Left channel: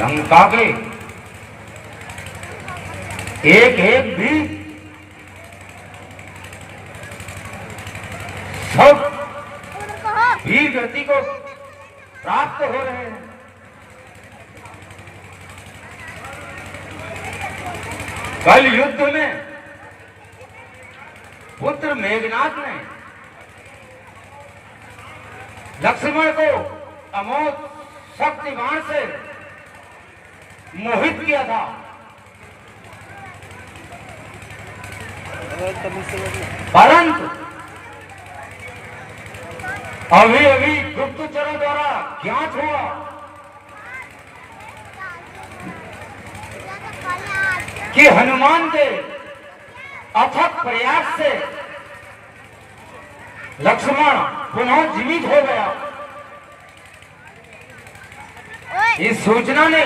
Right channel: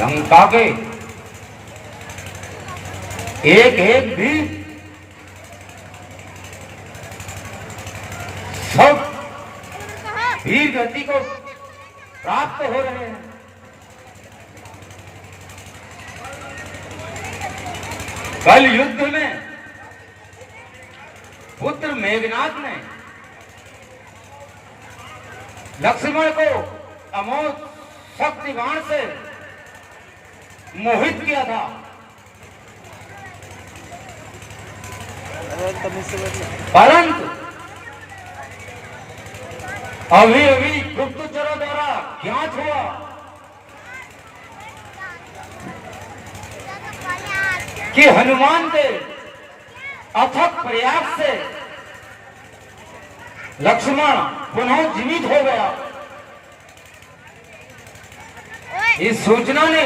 लंका के एक एक भी सब वीर गति को प्राप्त हो रहे हैं। कल युद्ध में पुत्र मेघनाथ ने लक्ष्मण को अमोघ शक्तिवान से मोहित किया था, परंतु अभी अभी गुप्तचरों द्वारा ज्ञात हुआ कि हनुमान के अथक प्रयास से लक्ष्मण पुनः जीवित हो गया। इस सूचना ने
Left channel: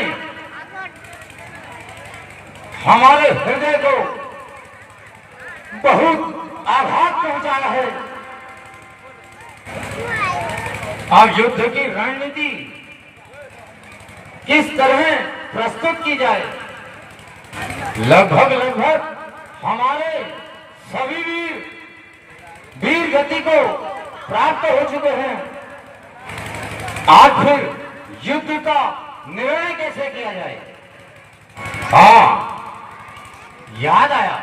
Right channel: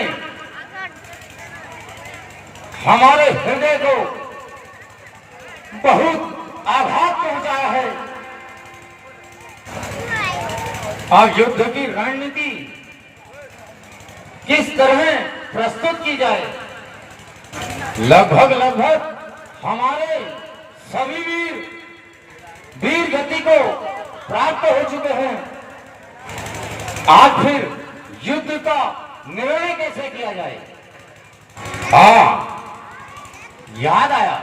हमारे हृदय को बहुत आघात पहुंचाया है। अब युद्ध की रणनीति किस तरह प्रस्तुत की जाए? लगभग हमारे सभी वीर गति को प्राप्त हो चुके हैं। आज फिर युद्ध का निर्णय कैसे किया जाए? हाँ, याद आया,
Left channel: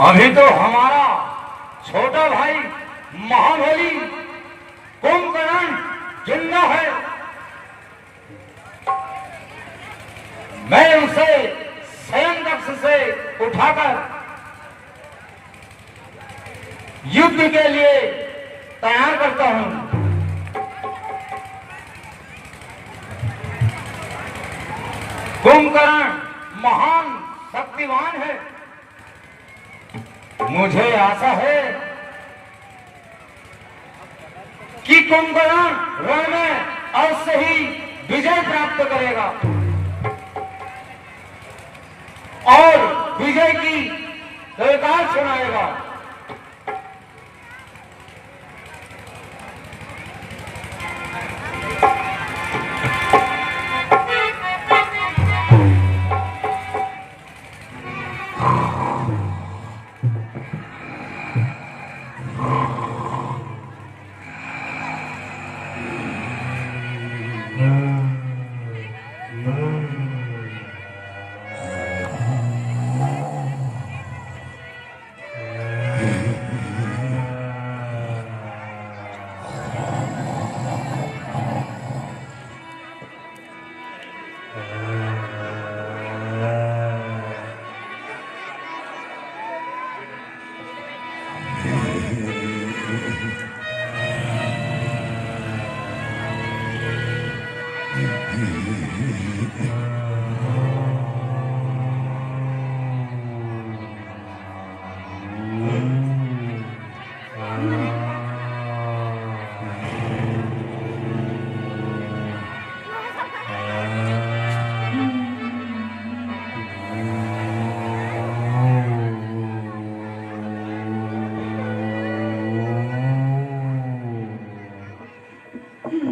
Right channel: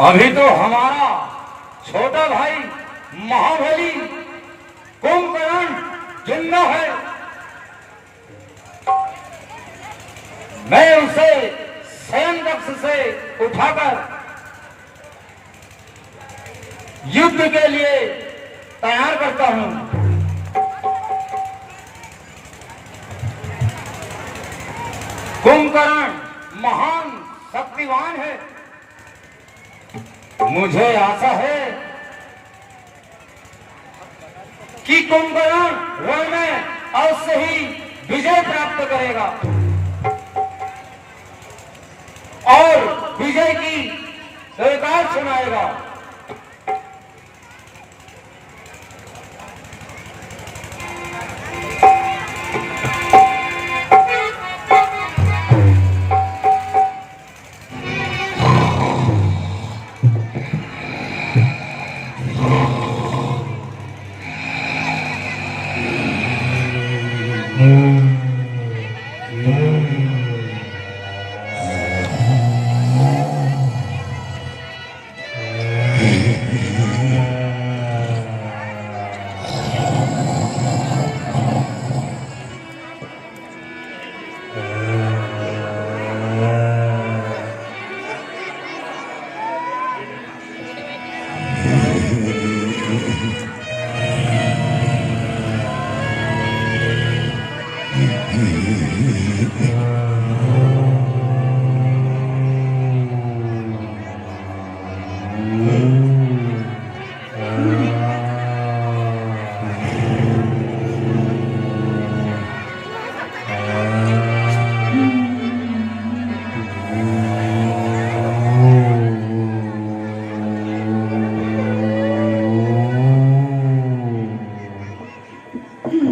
अभी तो हमारा छोटा भाई महाबली कुंभकर्ण जिंदा है। मैं उसे सैन्य कक्ष से उठाकर युद्ध के लिए तैयार करता हूं। कुंभकर्ण महान शक्तिवान है। मुझे आशा है कि कुंभकर्ण रण में अवश्य ही विजय प्राप्त करेगा और विजय की जयकार सुनाएगा।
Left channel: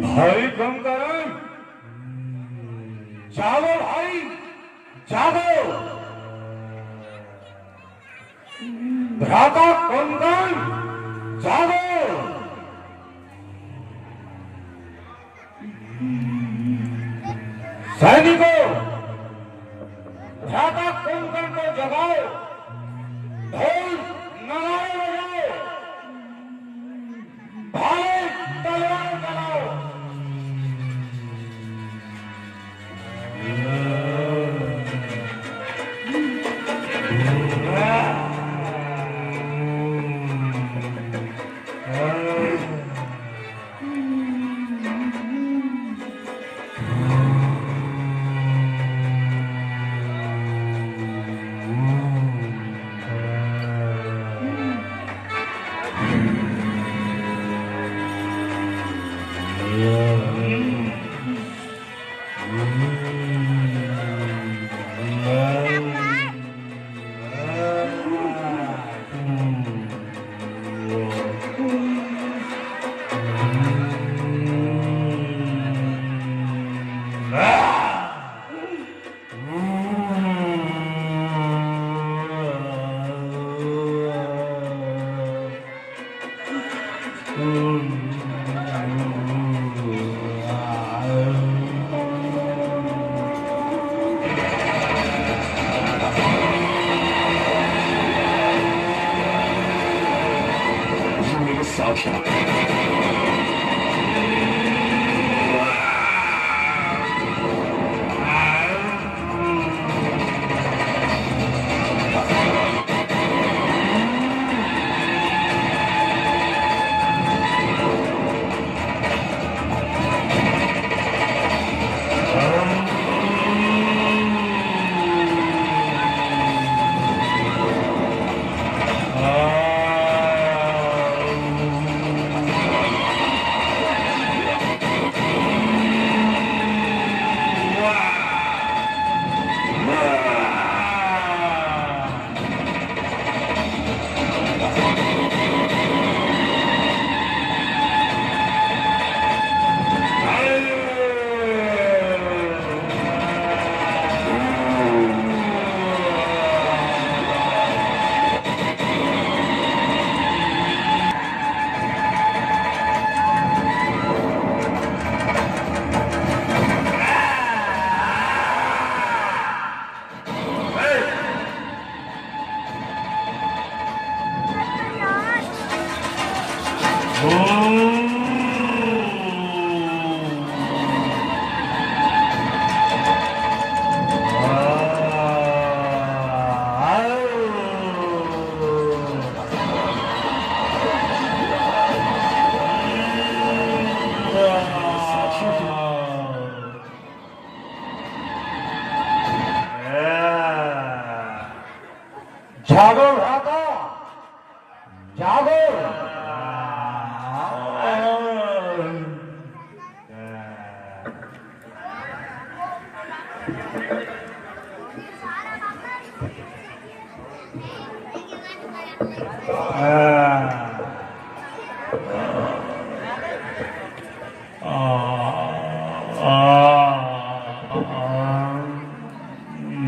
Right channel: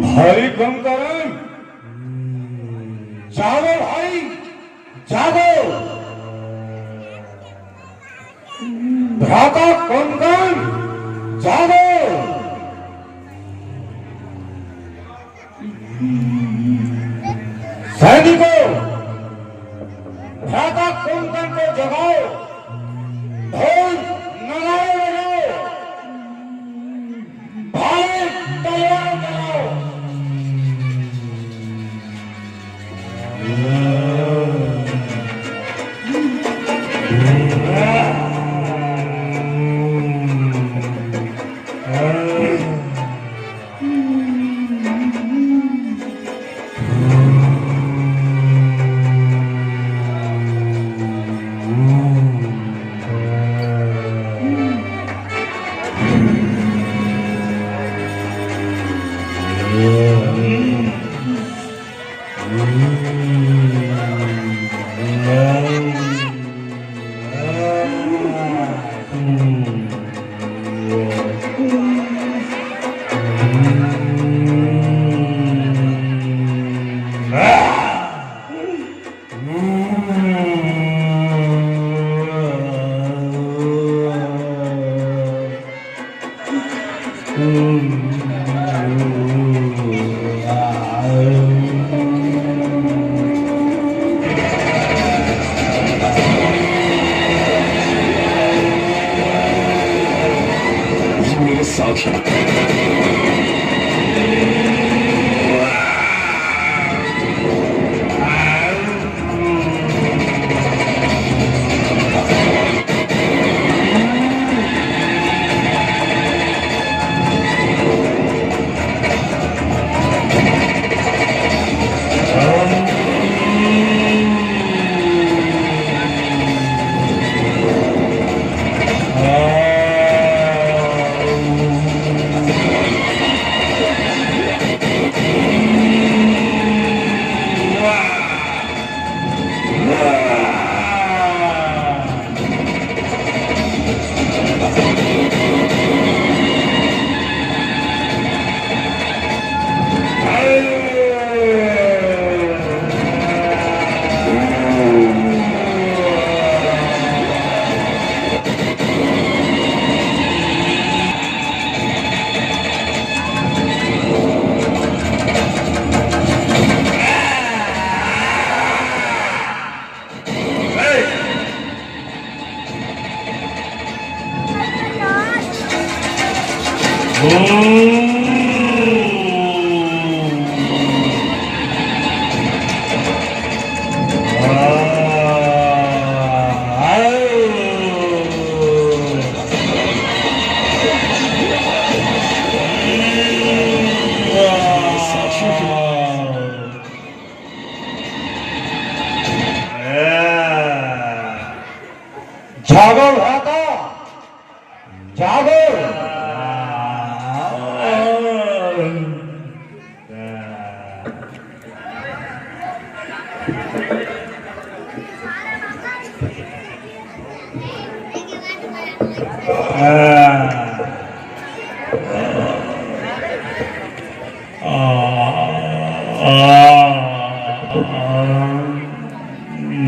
भाई कुंभकर्ण, जागो भाई, जागो। भ्राता कुंभकर्ण, जागो। सैनिकों, भ्राता कुंभकर्ण को जगाओ, ढोल नगाड़े बजाओ, भाले तलवार चलाओ।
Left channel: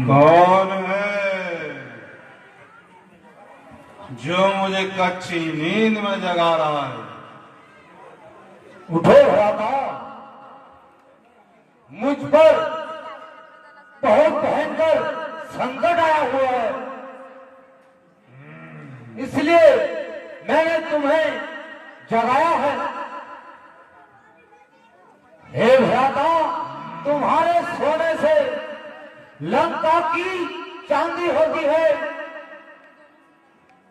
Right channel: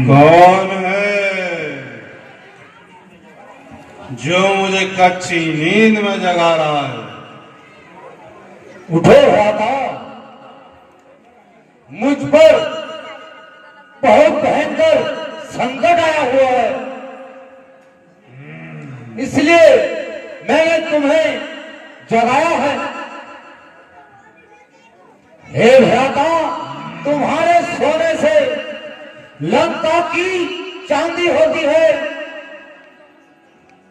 कौन है जो मुझे कच्ची नींद में जगा रहा है? उठो भ्राता, मुझ पर बहुत भयंकर संकट आया हुआ है, इसलिए मैंने तुम्हें जगाया है। हे भ्राता, तुम्हारे सोने से लंका की चांदी होती है,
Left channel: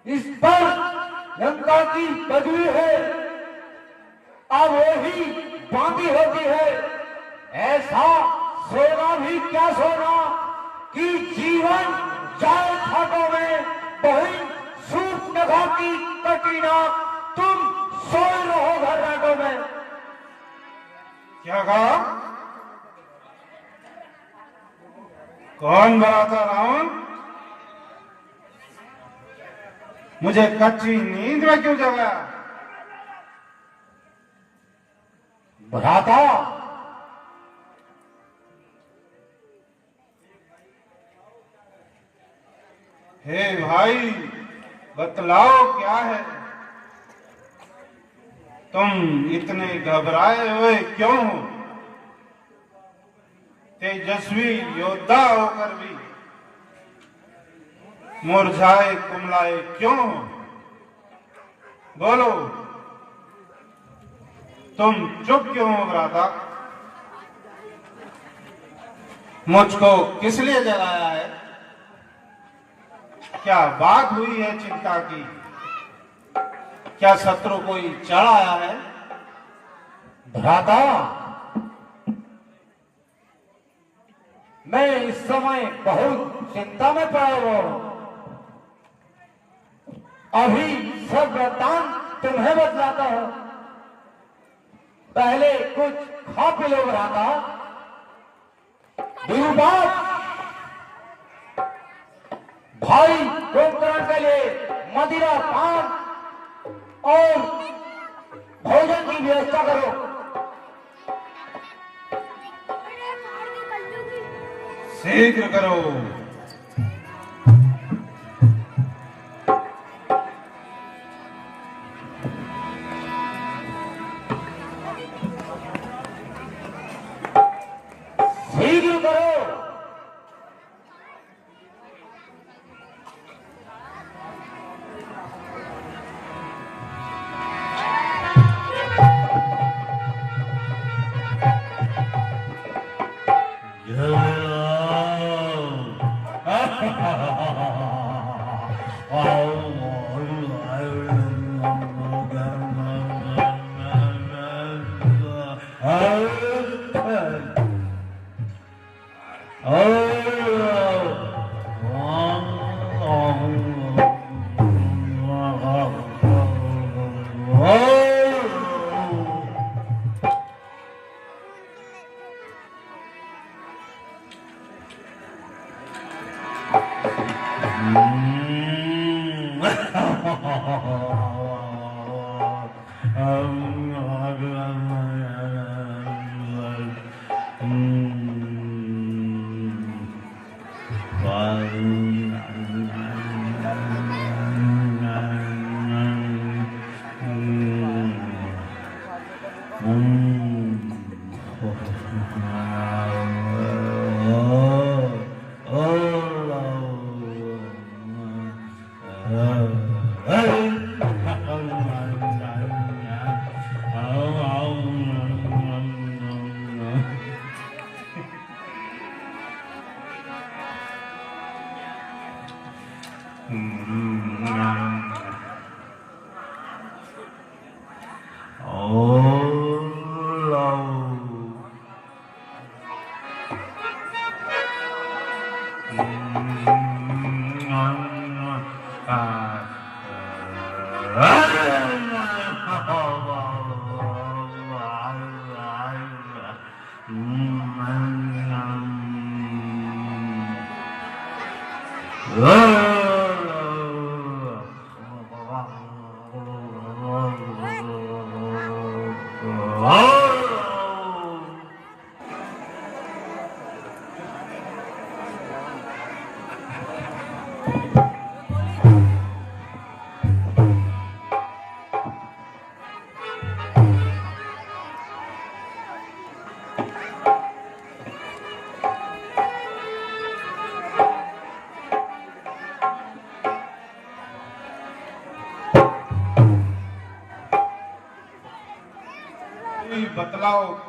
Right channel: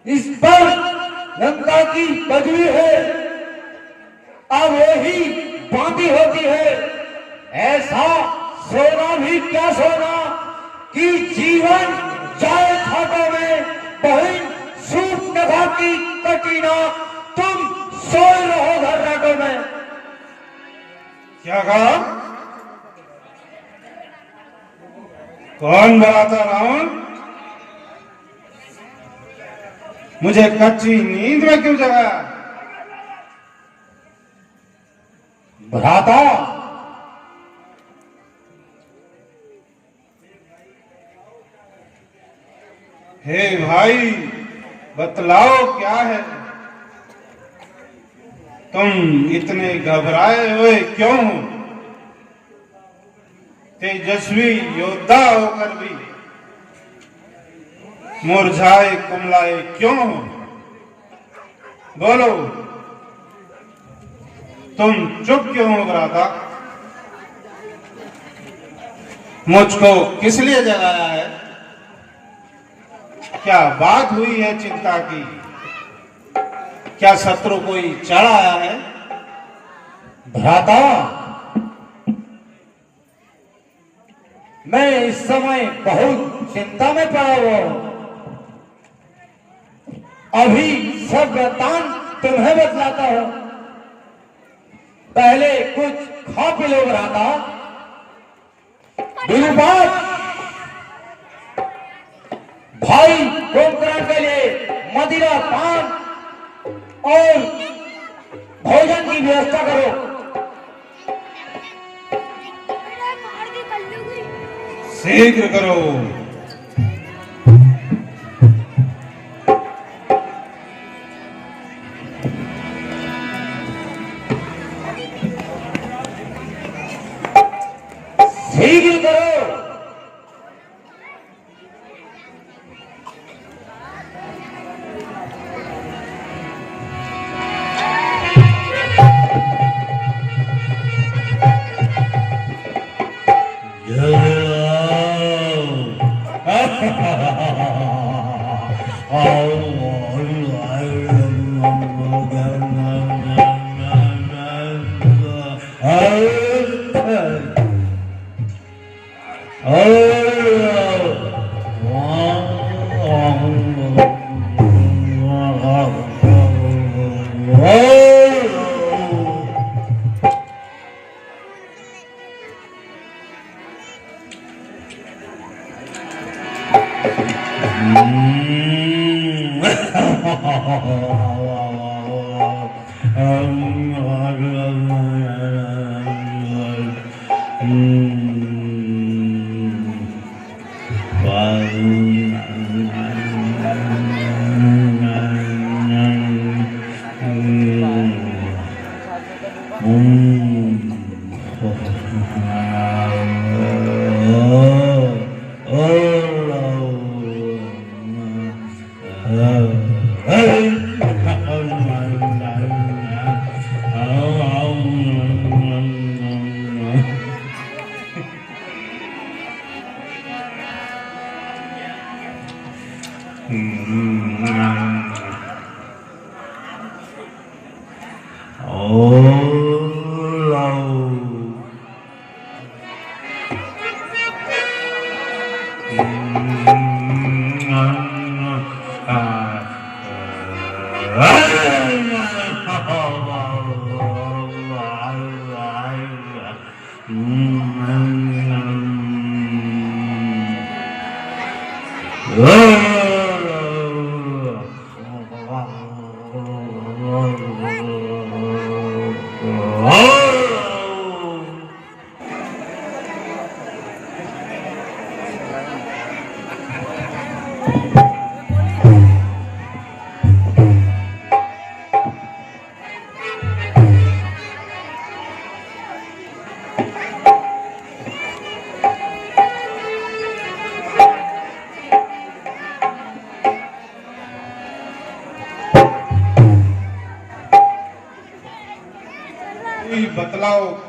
इस पर लंका की पदवी है, अब वही बांधी होती है। ऐसा सोना भी क्या सोना कि जीवन जाए खाटों में, बहन सूट नभा की कटीना, तुम सोए रहो घर्राटों में। क्या कहा? कौन भ्राता रावण? मुझे कच्ची नींद में क्यों जगाया? भ्राता, हे भाई, बतलाओ क्या है? तुम इतने घबराए हुए क्यों हो? तेजस्वी योद्धा होकर भी मुरझाए कुमलाए क्यों हो? बोलो, तुम चुप क्यों हो भ्राता? मुझको किस लिए जगाया है? क्या बात हुई है चिंता की? क्या शत्रु कोई चढ़ आया है? भ्राता, मैं इस समय बहुत चिंता में पड़ा हुआ हूं। अभी सब वृत्तांत तुम्हें बतलाता हूं, पहले कुछ खा पी लो भ्राता। विरूपाक्ष भाई कुंभकर्ण के लिए मदिरा पान और भोजन की व्यवस्था करो। शीघ्र करो। शीघ्र करो।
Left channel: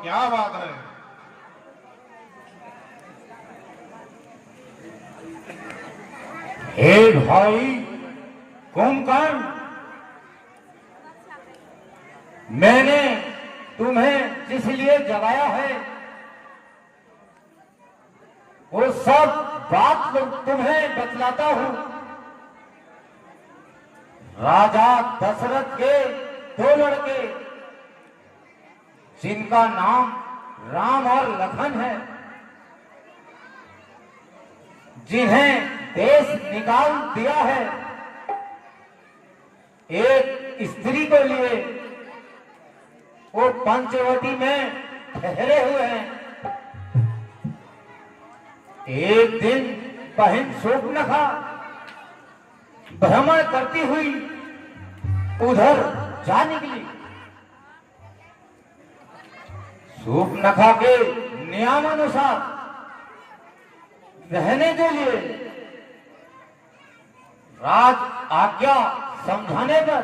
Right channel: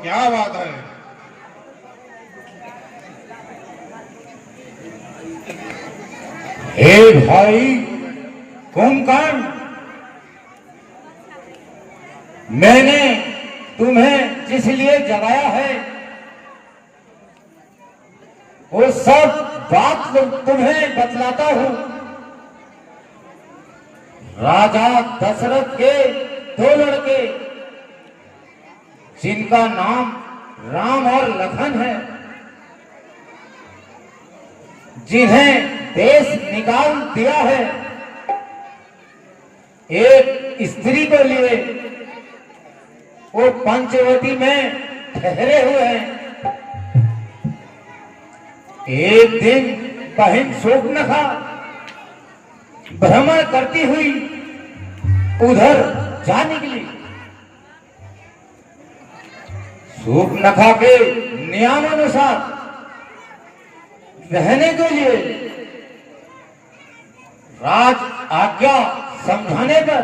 क्या बात है? हे भाई कुंभकर्ण, मैंने तुम्हें जिस लिए जगाया है वो सब बात तुम्हें बतलाता हूं। राजा दशरथ के दो लड़के जिनका नाम राम और लखन है, जिन्हें देश निकाल दिया है, एक स्त्री को लिए वो पंचवटी में ठहरे हुए हैं। एक दिन बहन शूर्पणखा भ्रमण करती हुई उधर जा निकली। शूर्पणखा के नियमानुसार रहने के लिए राज आज्ञा समझाने पर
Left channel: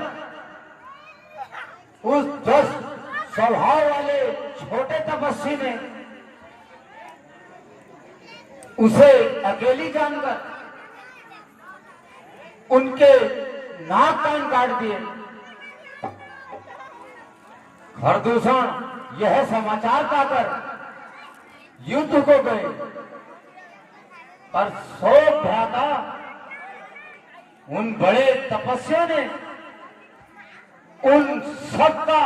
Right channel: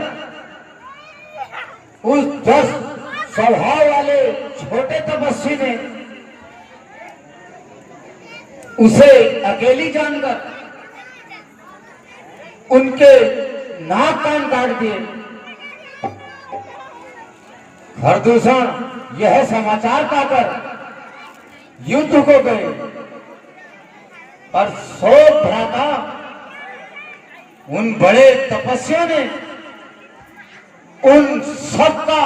उस दुष्ट स्वभाव वाले छोटे तपस्वी ने उसे अकेली जानकर उनके नाक कान काट दिए। खरदूषण यह समाचार पाकर युद्ध को गए, पर शोक भ्राता उन बड़े तपस्वियों ने उन सबका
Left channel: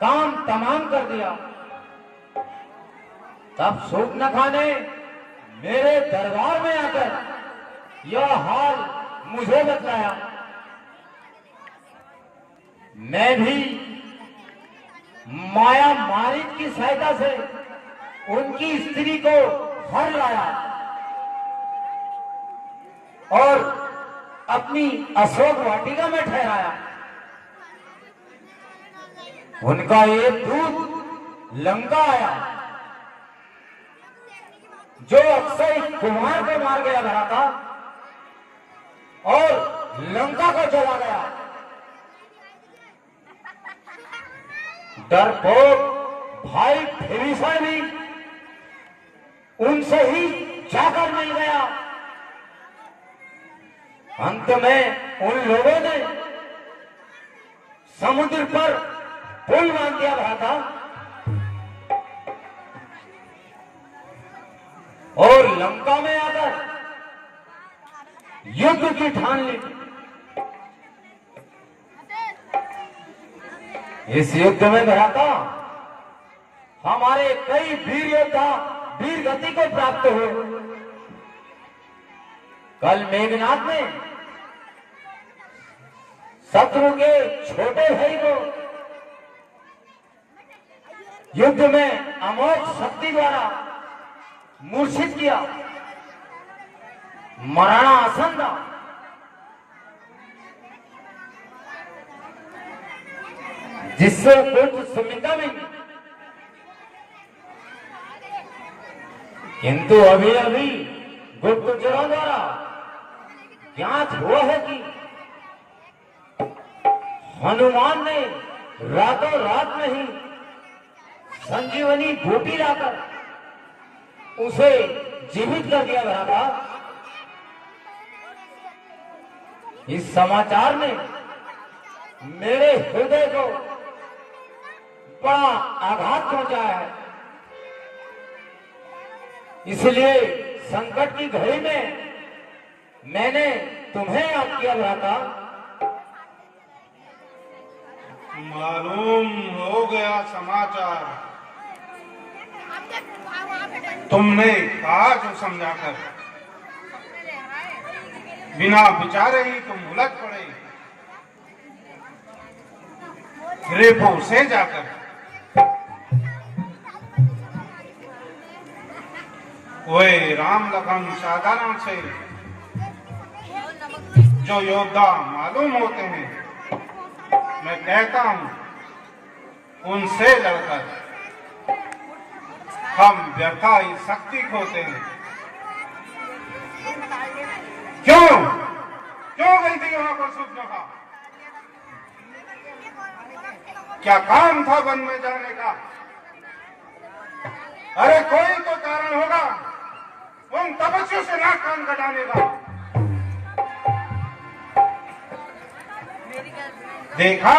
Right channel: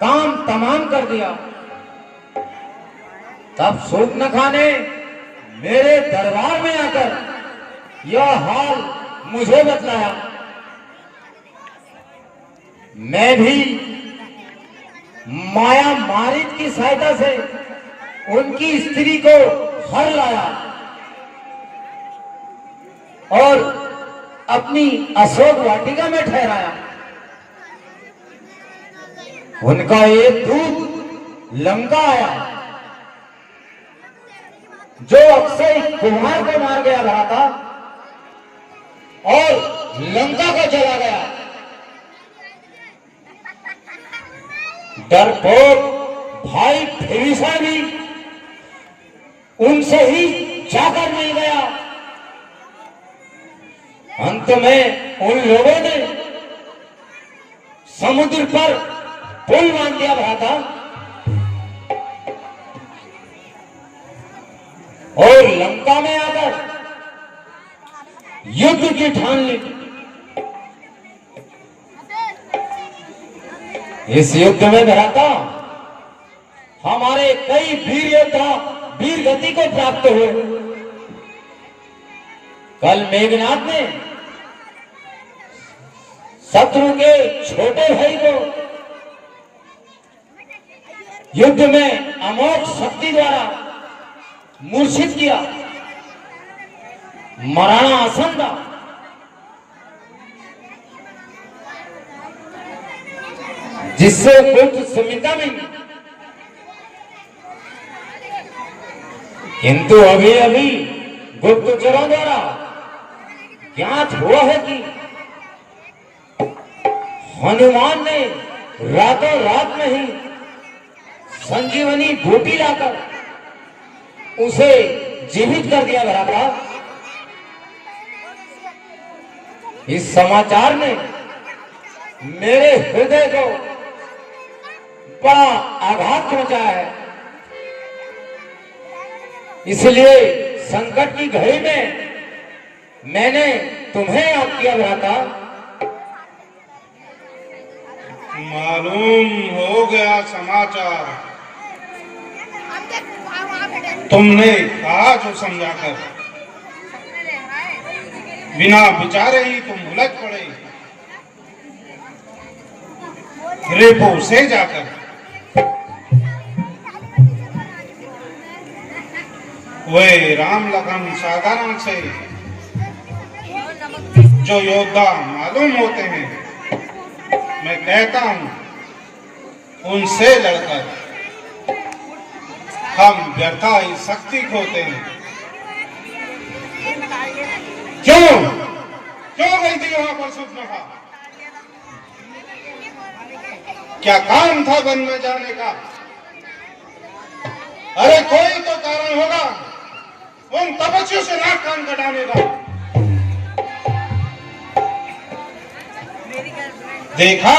काम तमाम कर दिया। तब शूर्पणखा ने मेरे दरबार में आकर यह हाल मुझे बतलाया। मैं भी माया मारित की सहायता से उनकी स्त्री को हर लाया और अपनी अशोक वाटिका में ठहराया। उनका एक दूत लंका आया जो अक्षय कुमार को मार गया रहा था और लंका को चला गया। डरपोक भाई विभीषण भी उनसे ही जाकर नहीं गया। अंत में उन लोगों ने समुद्र पर पुल बांध दिया भ्राता और लंका में आकर युद्ध की ठान ली। इस युद्ध में भ्राता हमारे कई वीर योद्धा वीर गति को प्राप्त हुए। कल मेघनाथ ने शत्रु के छोटे भाई को युद्ध में अमोघ शक्ति द्वारा मूर्छित किया, मराना आसन था। जिससे पुत्र सुमित्रा में, किंतु अभी अभी गुप्तचरों द्वारा ज्ञात हुआ है कि हनुमान ने रातों रात में ही संजीवनी बूटी लाकर उसे जीवित कर दिया गया था। इस समाचार ने मेरे हृदय को बड़ा आघात पहुंचाया है। इसलिए संकट की घड़ी में मैंने तुम्हें याद किया भ्राता। मालूम हो गया समाचार। तुमने कहा जो समझाकर, बिना विचारे ही तुम उलझ पड़े। रेपो से जाकर वे राम लखन साधारण से जो योद्धा मालूम होते हैं, मैं कहता हूं उनसे लड़कर हम व्यर्था ही शक्ति खोते हैं। क्यों क्यों गई थी वहां पर शूर्पणखा? क्या काम था वन में जाने का? अरे कोई तो कारण होगा उन तपस्वियों से नाक कान कटाने का। देखा,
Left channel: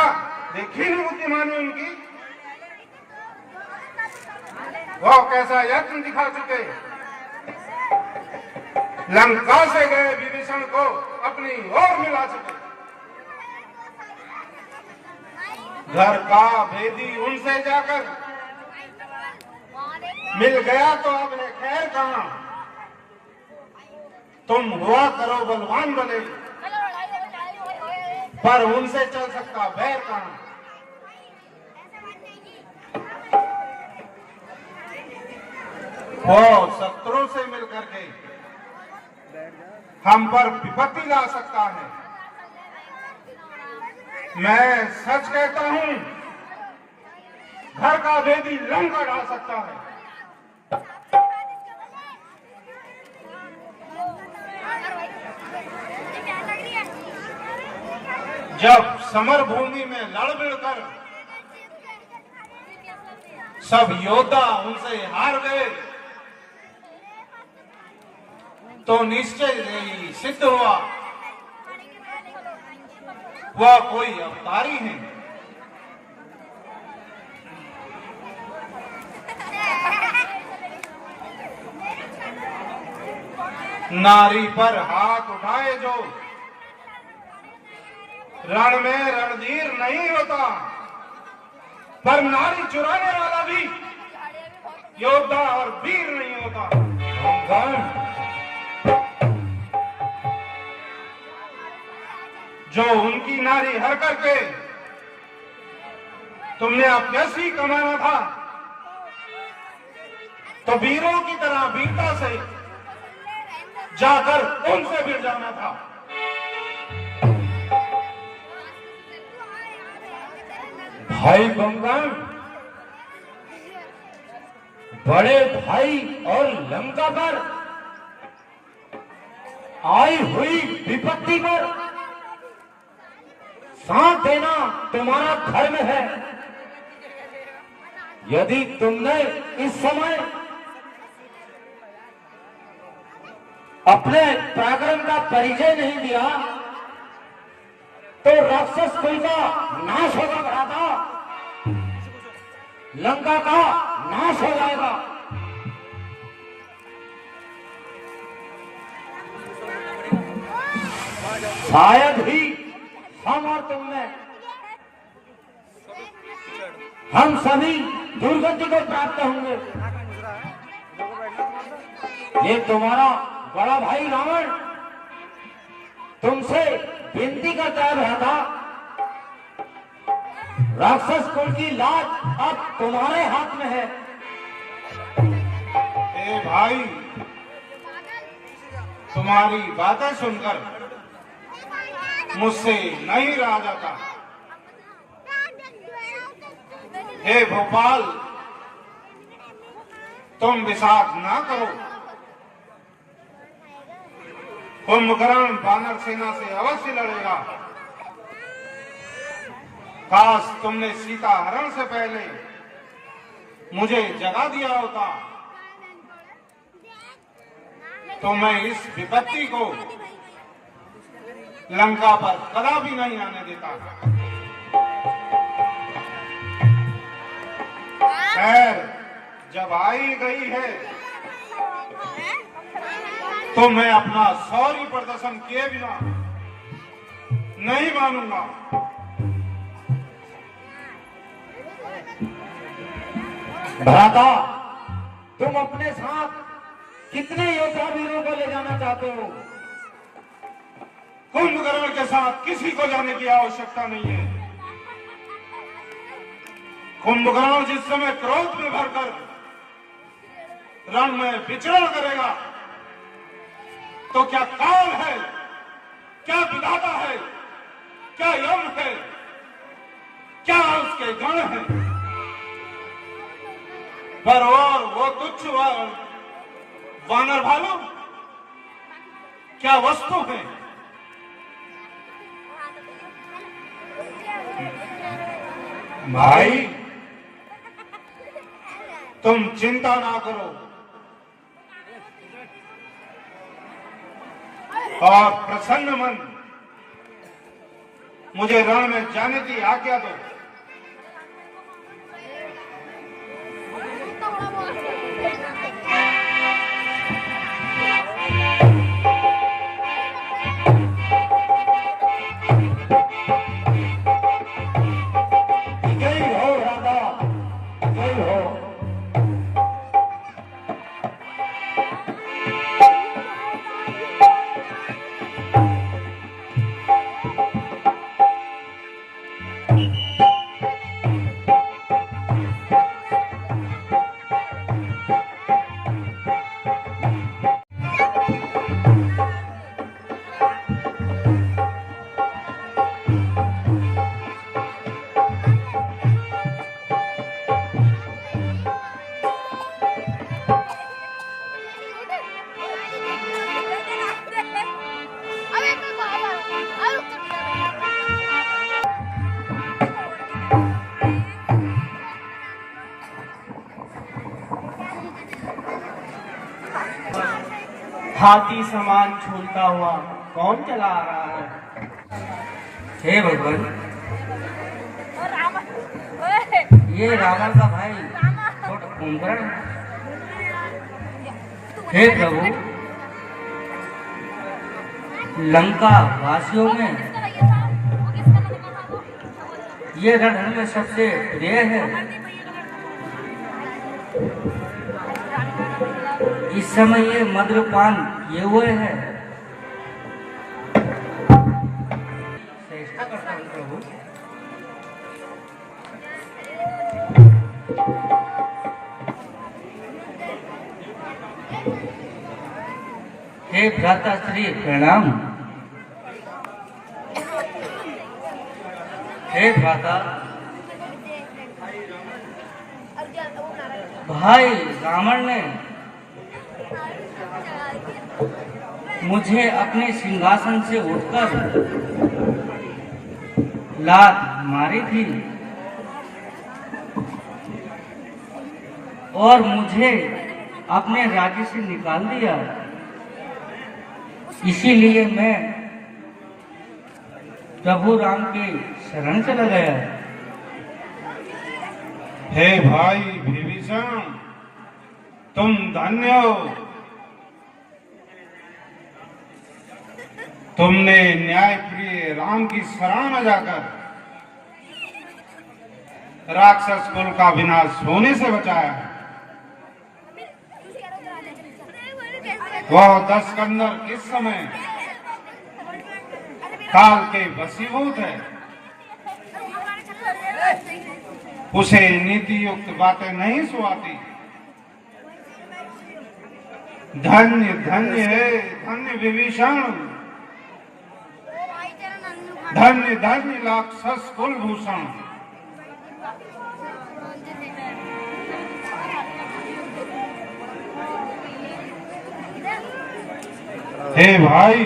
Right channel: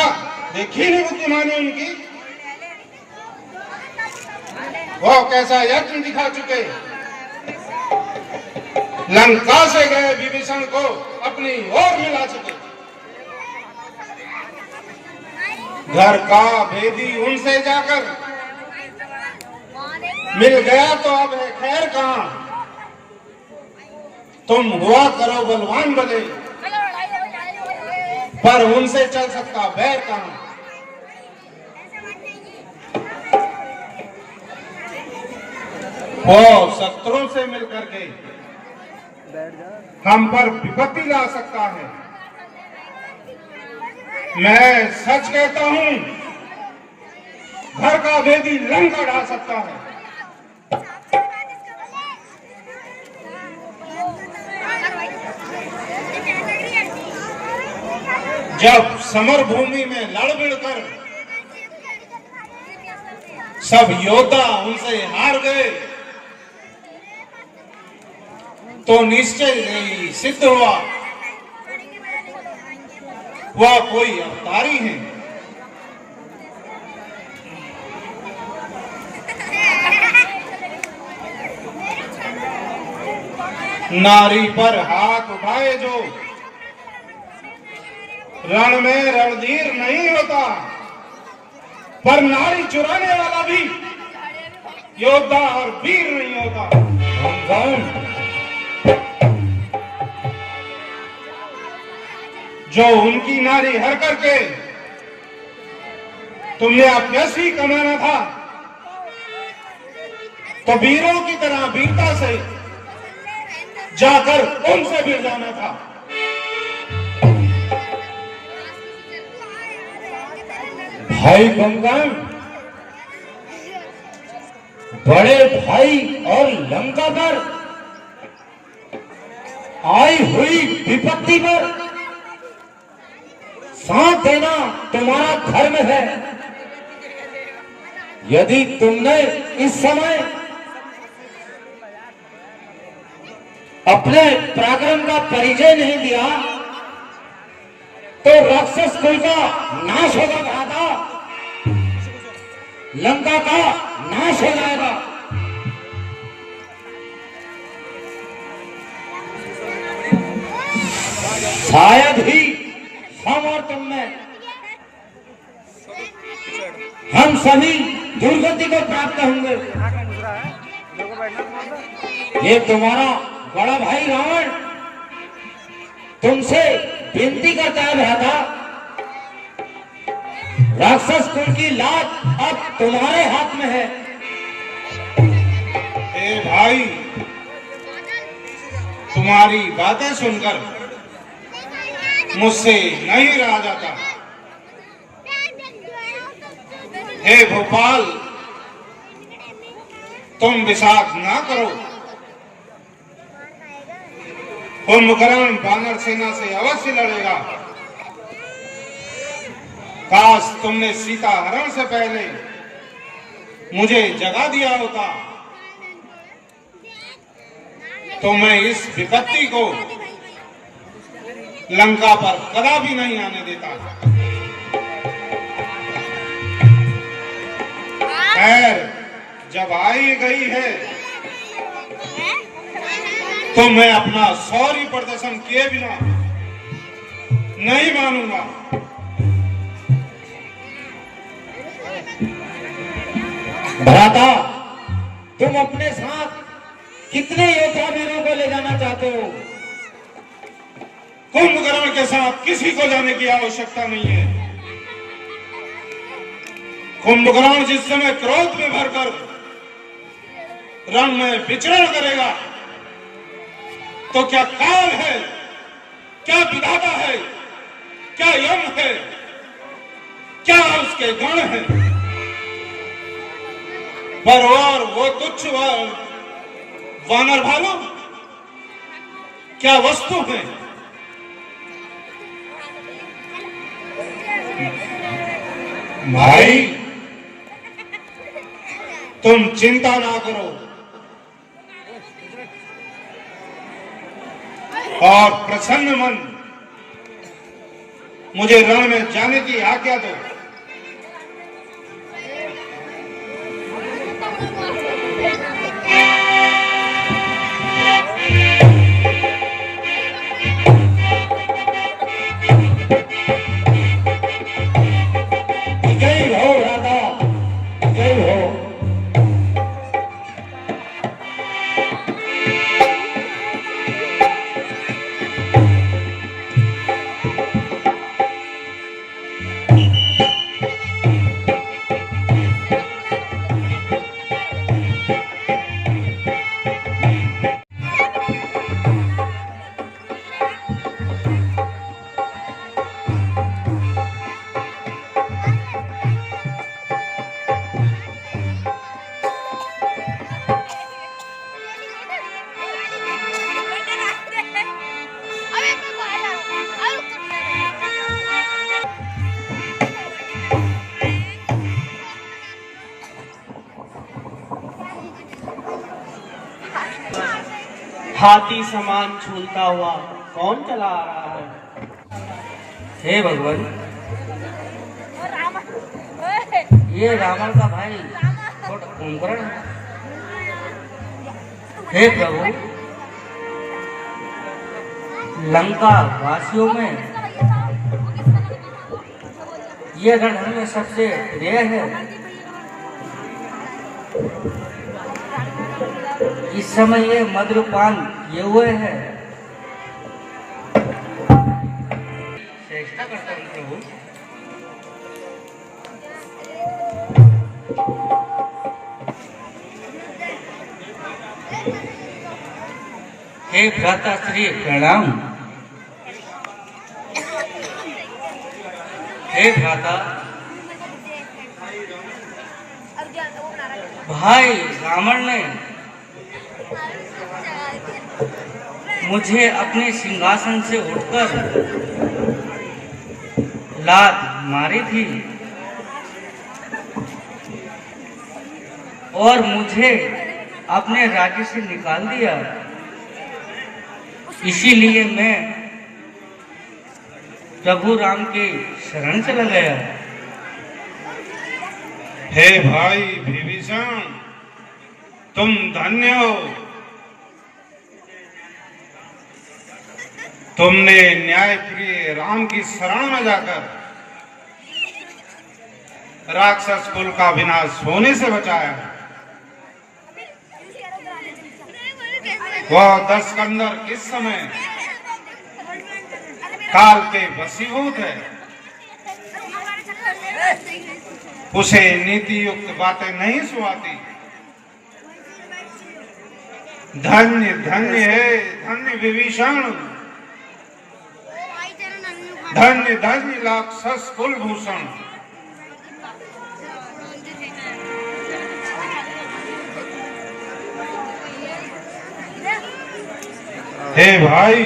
देखी नहीं बुद्धिमानी उनकी, वो कैसा यत्न दिखा चुके। लंका से गए विभीषण को अपनी ओर मिला चुके। घर का भेदी उनसे जाकर मिल गया तो अब है खैर कहां। तुम हुआ करो बलवान बने, पर उनसे चल सकता बैर कहां। वो शत्रुओं से मिलकर के हम पर विपत्ति ला सकता है। मैं सच कहता हूं, घर का भेदी लंका ढा सकता है। जब समर भूमि में लड़ भिड़ कर सब योद्धा उनसे हार गए तो निश्चय ही सिद्ध हुआ वह कोई अवतारी है। नारी पर हाथ उठाए जो रण में रणधीर नहीं होता, पर नारी चुराने वाला भी योद्धा और वीर नहीं होता। जो उनकी नारी हर करके तुमने अभ्यसी कमाना था, तो वीरों की तरह वीरता से जाकर उनसे भिड़ जाना था। भाई गंगन, बड़े भाई और लंका पर आई हुई विपत्ति पर साथ देना तुम्हारा धर्म है। यदि तुमने इस समय अपने पराक्रम का परिचय नहीं दिया तो राक्षस कुल का नाश होगा भ्राता, लंका का नाश हो जाएगा। शायद ही हम और तुम में हम सभी दुर्गति को प्राप्त होंगे। ये तुम्हारा बड़ा भाई रावण तुमसे विनती करता है भ्राता, राक्षस कुल की लाज अब तुम्हारे हाथ में है। ए भाई, तुम्हारी बातें सुनकर मुझसे नहीं रहा जाता। हे भोपाल, तुम विषाद ना करो। कुंभकर्ण वानर सेना से अवश्य लड़ेगा। काश तुमने सीता हरण से पहले मुझे जगा दिया होता तो मैं इस विपत्ति को लंका पर कदापि नहीं आने देता। खैर, जब आई गई है तो मैं अपना शौर्य प्रदर्शन किए बिना नहीं मानूंगा। भ्राता, तुम अपने साथ कितने योद्धा वीरों को ले जाना चाहते हो? कुंभकर्ण के साथ किसी को जाने की आवश्यकता नहीं है। कुंभकर्ण जिस समय क्रोध में भरकर रण में विचरण करेगा तो क्या काल है, क्या विधाता है, क्या यम है, क्या उसके गण है, पर और वो तुच्छ वानर भालू क्या वस्तु है? भाई तुम चिंता ना करो और प्रसन्न मन मुझे रण में जाने की आज्ञा दो। जय हो राधा, जय हो। हाथी समान झूलता हुआ कौन चला आ रहा है? हे भगवान, ये रावण का भाई कुंभकर्ण है। हे प्रभु, लंका वासियों में ये रण हमें सबसे प्रिय है। इस समय ये मद्यपान ये हुए हैं। चेष्टा करता हूँ प्रभु। हे भ्राता श्री प्रणाम। हे भ्राता, भाई रावण ने मुझे अपने सिंहासन से उठकर लात मारी थी और मुझे अपने राज्य से निकाल दिया। इसीलिए मैं प्रभु राम के शरण चला गया। हे भाई विभीषण, तुम धन्य हो। तुमने न्यायप्रिय राम की शरण में जाकर राक्षस कुल का विनाश होने से बचाया है। वह दशकंदर इस समय काल के वशीभूत है। उसे नीति युक्त बातें नहीं सुहाती। धन्य धन्य है, धन्य विभीषण, धन्य धन्य राक्षस कुलभूषण। हे भाई,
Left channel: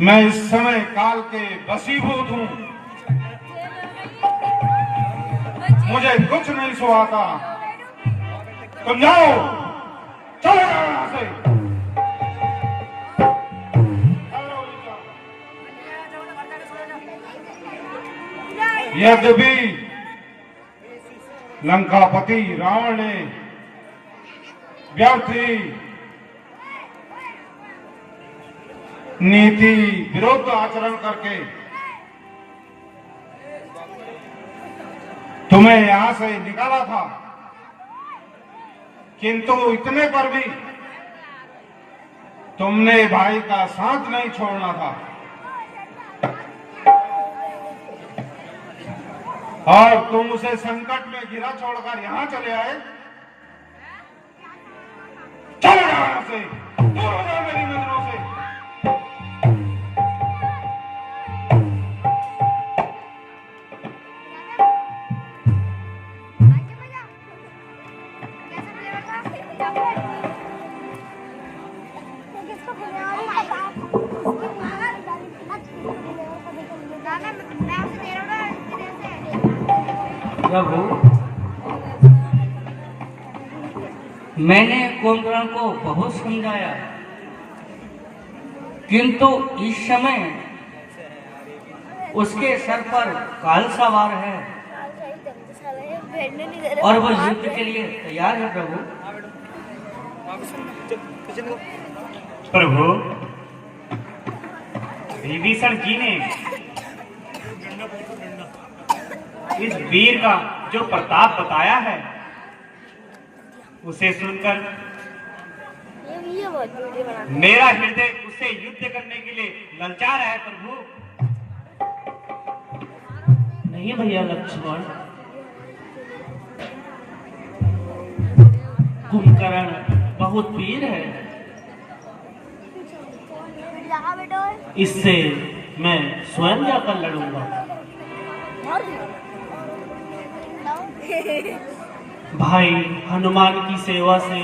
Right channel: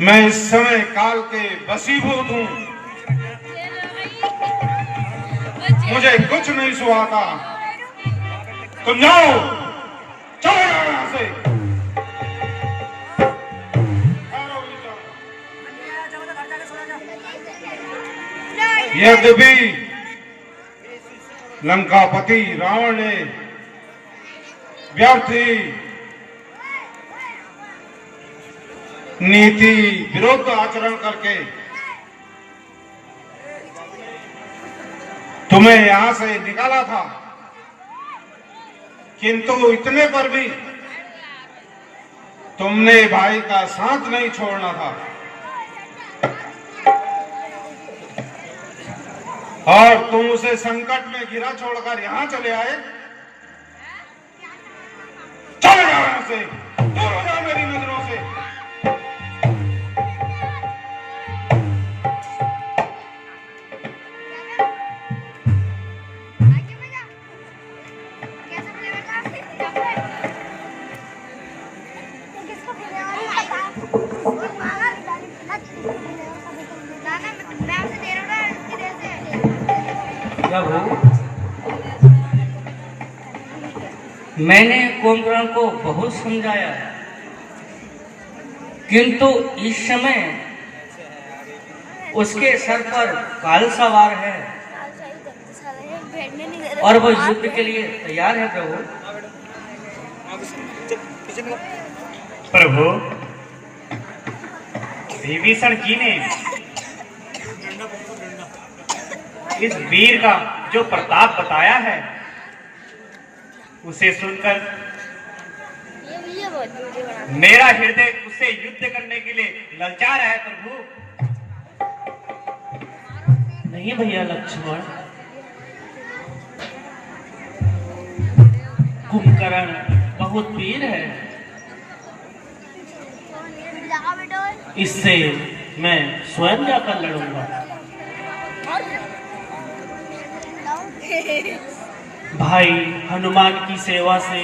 मैं इस समय काल के वशीभूत हूं। मुझे कुछ नहीं सुहाता। तुम जाओ, चले जाओ यहां से। यद्यपि लंकापति रावण ने व्यर्थ ही नीति विरुद्ध आचरण करके तुम्हें यहां से निकाला था, किंतु इतने पर भी तुमने भाई का साथ नहीं छोड़ना था और तुम उसे संकट में गिरा छोड़कर यहां चले आए। चले जाओ यहां से, दूर हो जाओ मेरी नजरों से। जाने में प्रभु, मैंने कुंभकर्ण को बहुत समझाया, किंतु इस समय उसके सर पर काल सवार है और वो युद्ध के लिए तैयार है। प्रभु, विभीषण जी ने इस वीर का जो प्रताप बताया है, उसे सुनकर मेरा हृदय उससे युद्ध करने के लिए ललचा रहा है। प्रभु, नहीं भैया लक्ष्मण, कुंभकर्ण बहुत वीर है, इससे मैं स्वयं जाकर लड़ूंगा। भाई हनुमान की सेवा से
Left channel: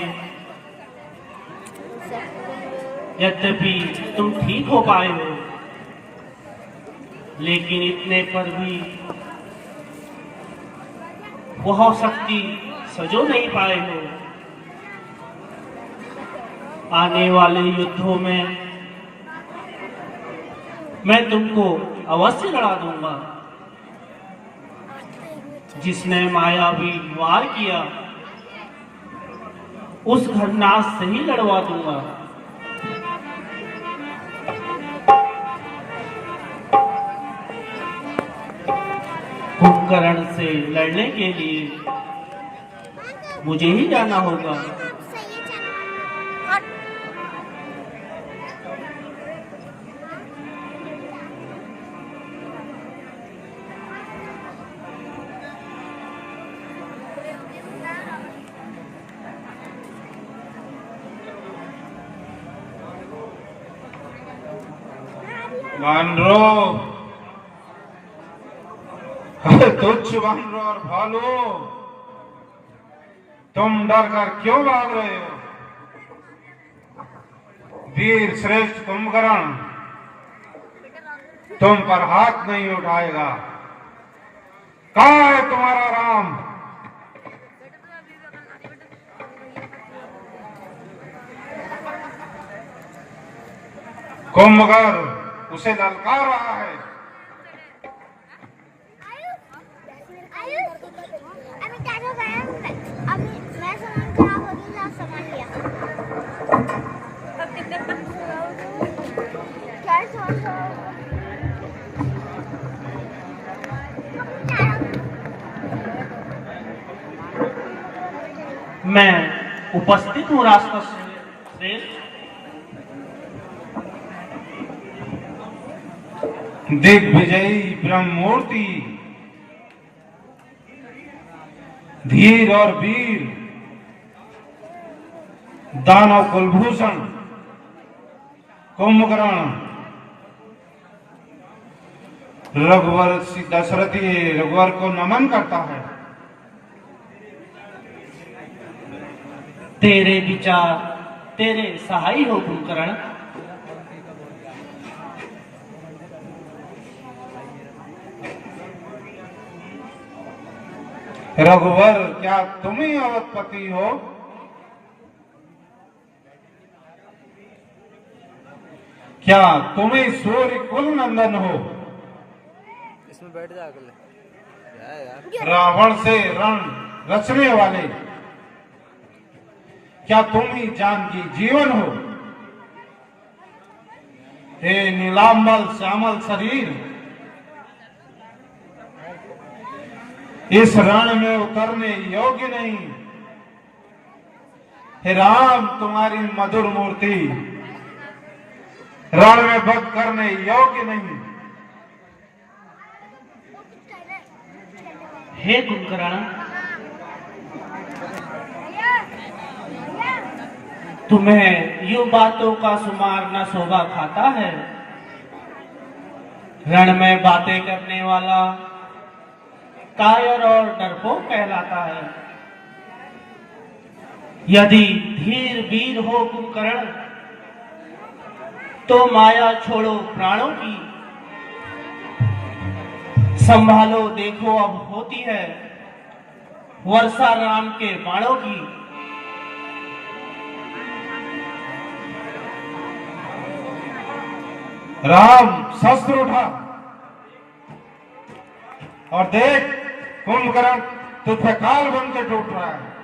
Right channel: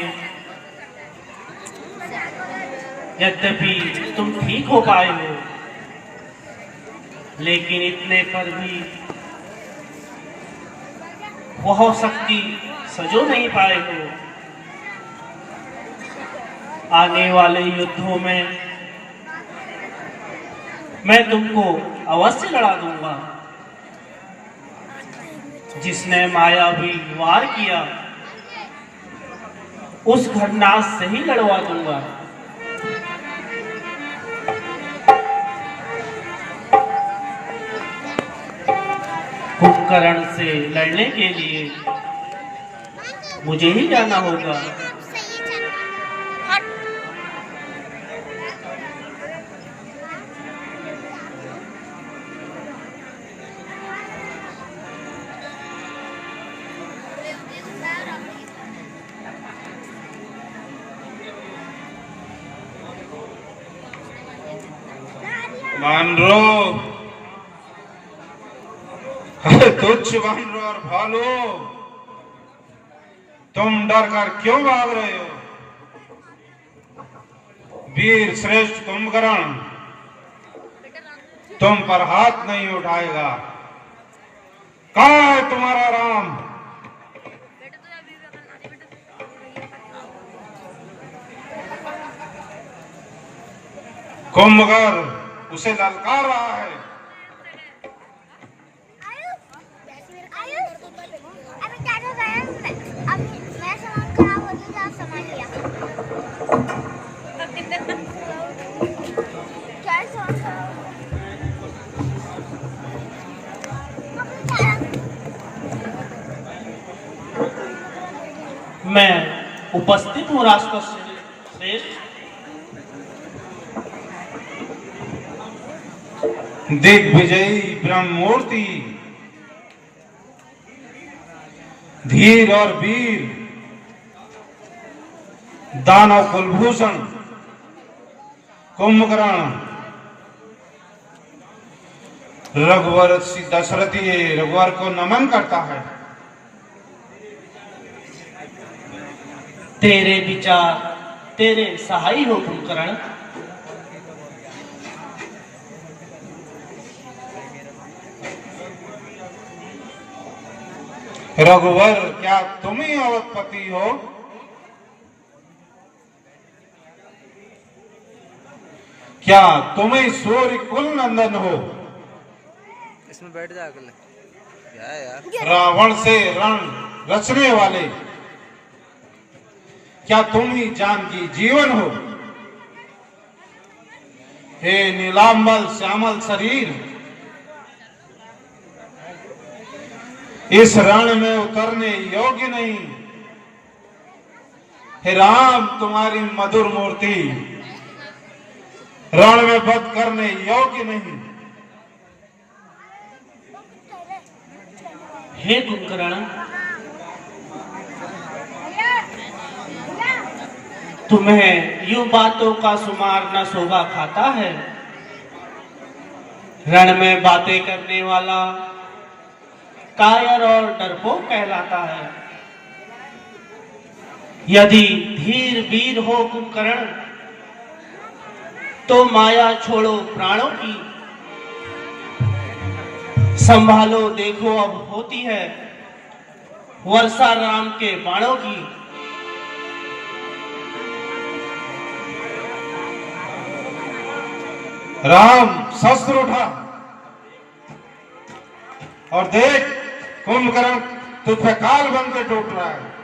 यद्यपि तुम ठीक हो पाए हो, लेकिन इतने पर भी वह शक्ति सजो नहीं पाए हो। आने वाले युद्धों में मैं तुमको अवश्य लड़ा दूंगा। जिसने मायावी वार किया, उस घरनाश से ही लड़वा दूंगा। कुंभकर्ण से लड़ने के लिए मुझे ही जाना होगा। वानरो, तुच्छ वानरो और भालू, तुम डर कर क्यों भाग रहे हो? वीर श्रेष्ठ कुंभकर्ण तुम पर हाथ नहीं उठाएगा। कहाँ है तुम्हारा राम? कुंभकर्ण उसे ललकार रहा है। मैं उपस्थित हूँ राष्ट्र श्रेष्ठ। दिग्विजयी ब्रह्ममूर्ति, धीर और वीर, दानव कुलभूषण कुंभकर्ण, रघुवर दशरथी रघुवर को नमन करता है। तेरे विचार तेरे सहाय हो कुंभकर्ण। रघुवर, क्या तुम ही अवधपति हो? क्या तुम ही सूर्य कुल नंदन हो? इसमें बैठ जा अगले। क्या है यार? रावण से रण रचने वाले, क्या तुम ही जानकी जीवन हो? हे नीलांबर श्यामल शरीर, इस रण में उतरने योग्य नहीं। हे राम, तुम्हारी मधुर मूर्ति रण में वध करने योग्य नहीं। हे कुंभकर्ण, तुम्हें यूं बातों का सुमार न शोभा खाता है। रण में बातें करने वाला कायर और डरपोक कहलाता है। यदि धीर वीर हो कुंभकर्ण, तो माया छोड़ो प्राणों की, संभालो देखो अब होती है वर्षा राम के बाणों की। राम शस्त्र उठा और देख, कुंभकर्ण तुझ पे काल बनकर टूट रहा है।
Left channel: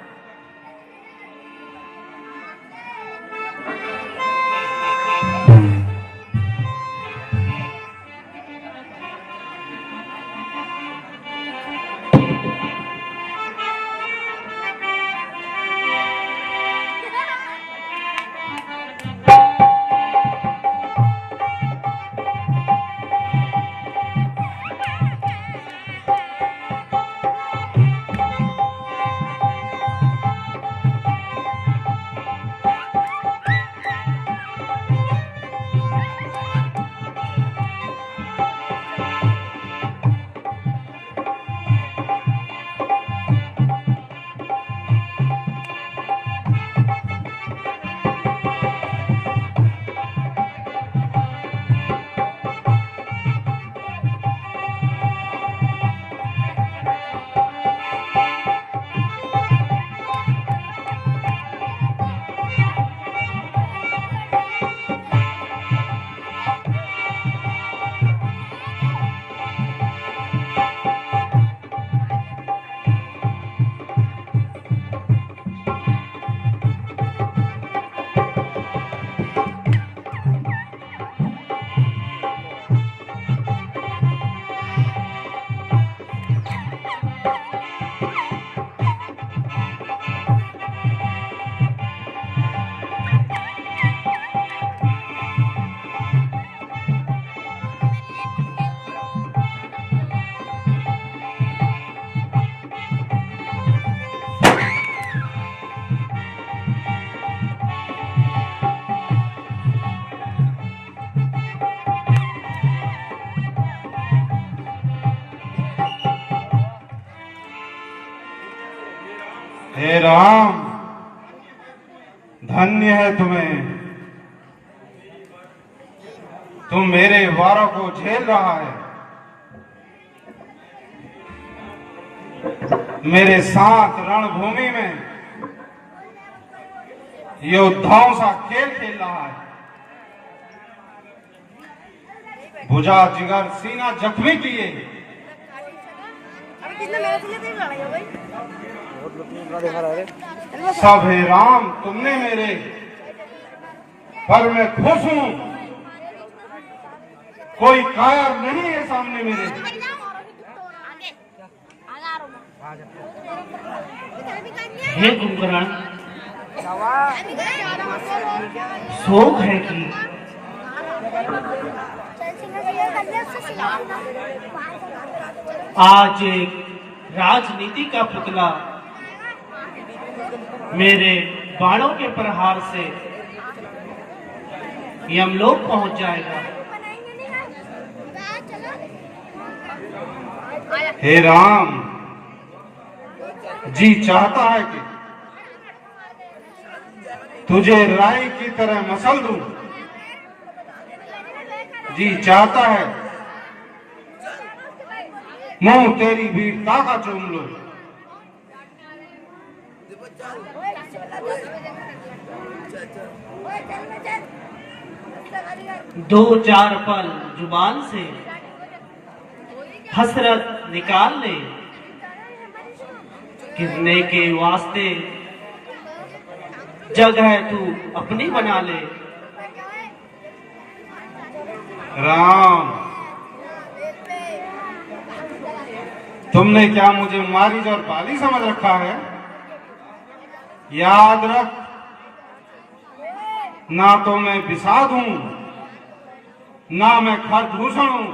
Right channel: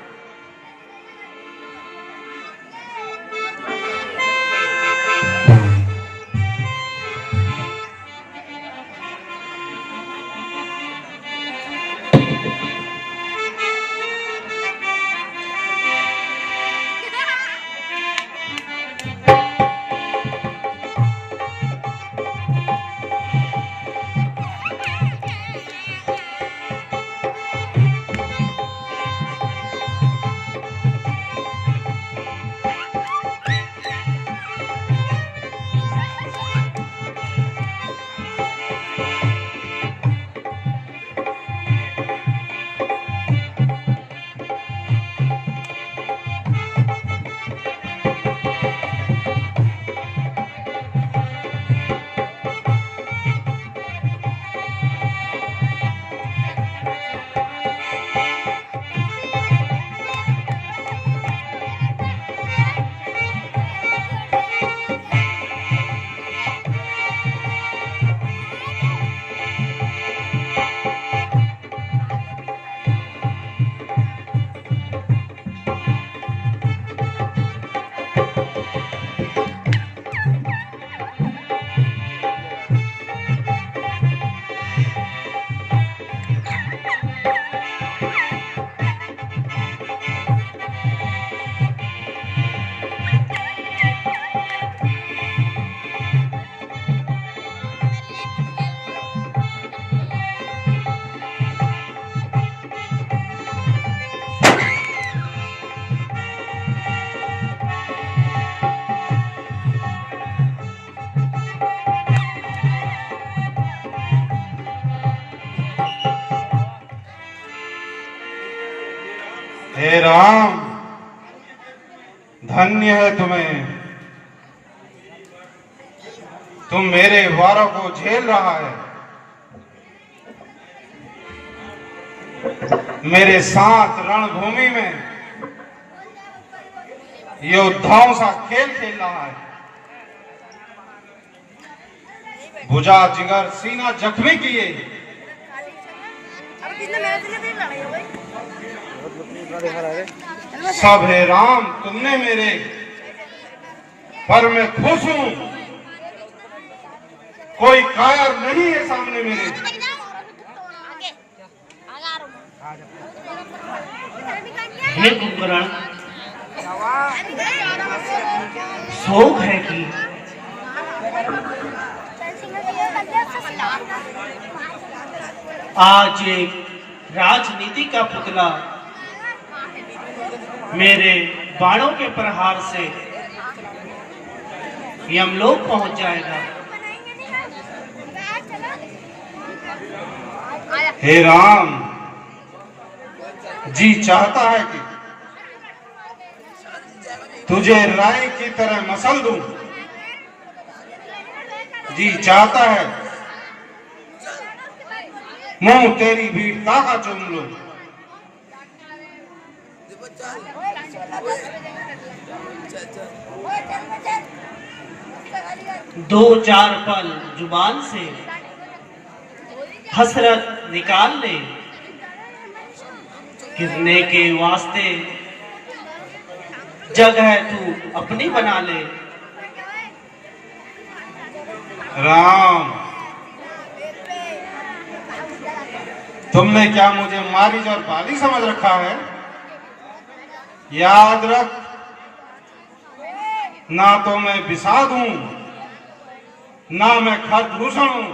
हे राम, धन्य है तुम्हें, तुम मेरे वारों को झेल रहा है, मेरे साथ रणभूमि में योद्धाओं सा खेल खेल रहा है। भुजा जिगर सीना जख्मी किए, सब हे राम तुमने मेरे, पर मैं खुश हूं, कोई कायर नहीं है सामने मेरे। हे कुंभकर्ण, शोक है कि आज एक राजनीति का पुतला मेरे बाणों के प्रहार से यमलोक पहुंच जाएगा। हे राम, जी चाहता है कि तुझे राय की तरह मसल दूं, जी चाहता है मुंह तेरी वीरता का चूम लूं। दो चार पल जुबान से हसरत निकाल ले, गिरने के वास्ते जगह तू अपनी बना ले। राम, तुमने क्या मुझे मारीज और बाली समझ रखा है? याद रख, ना तो मैं विषाद हूं, ना मैं खरदूषण हूं,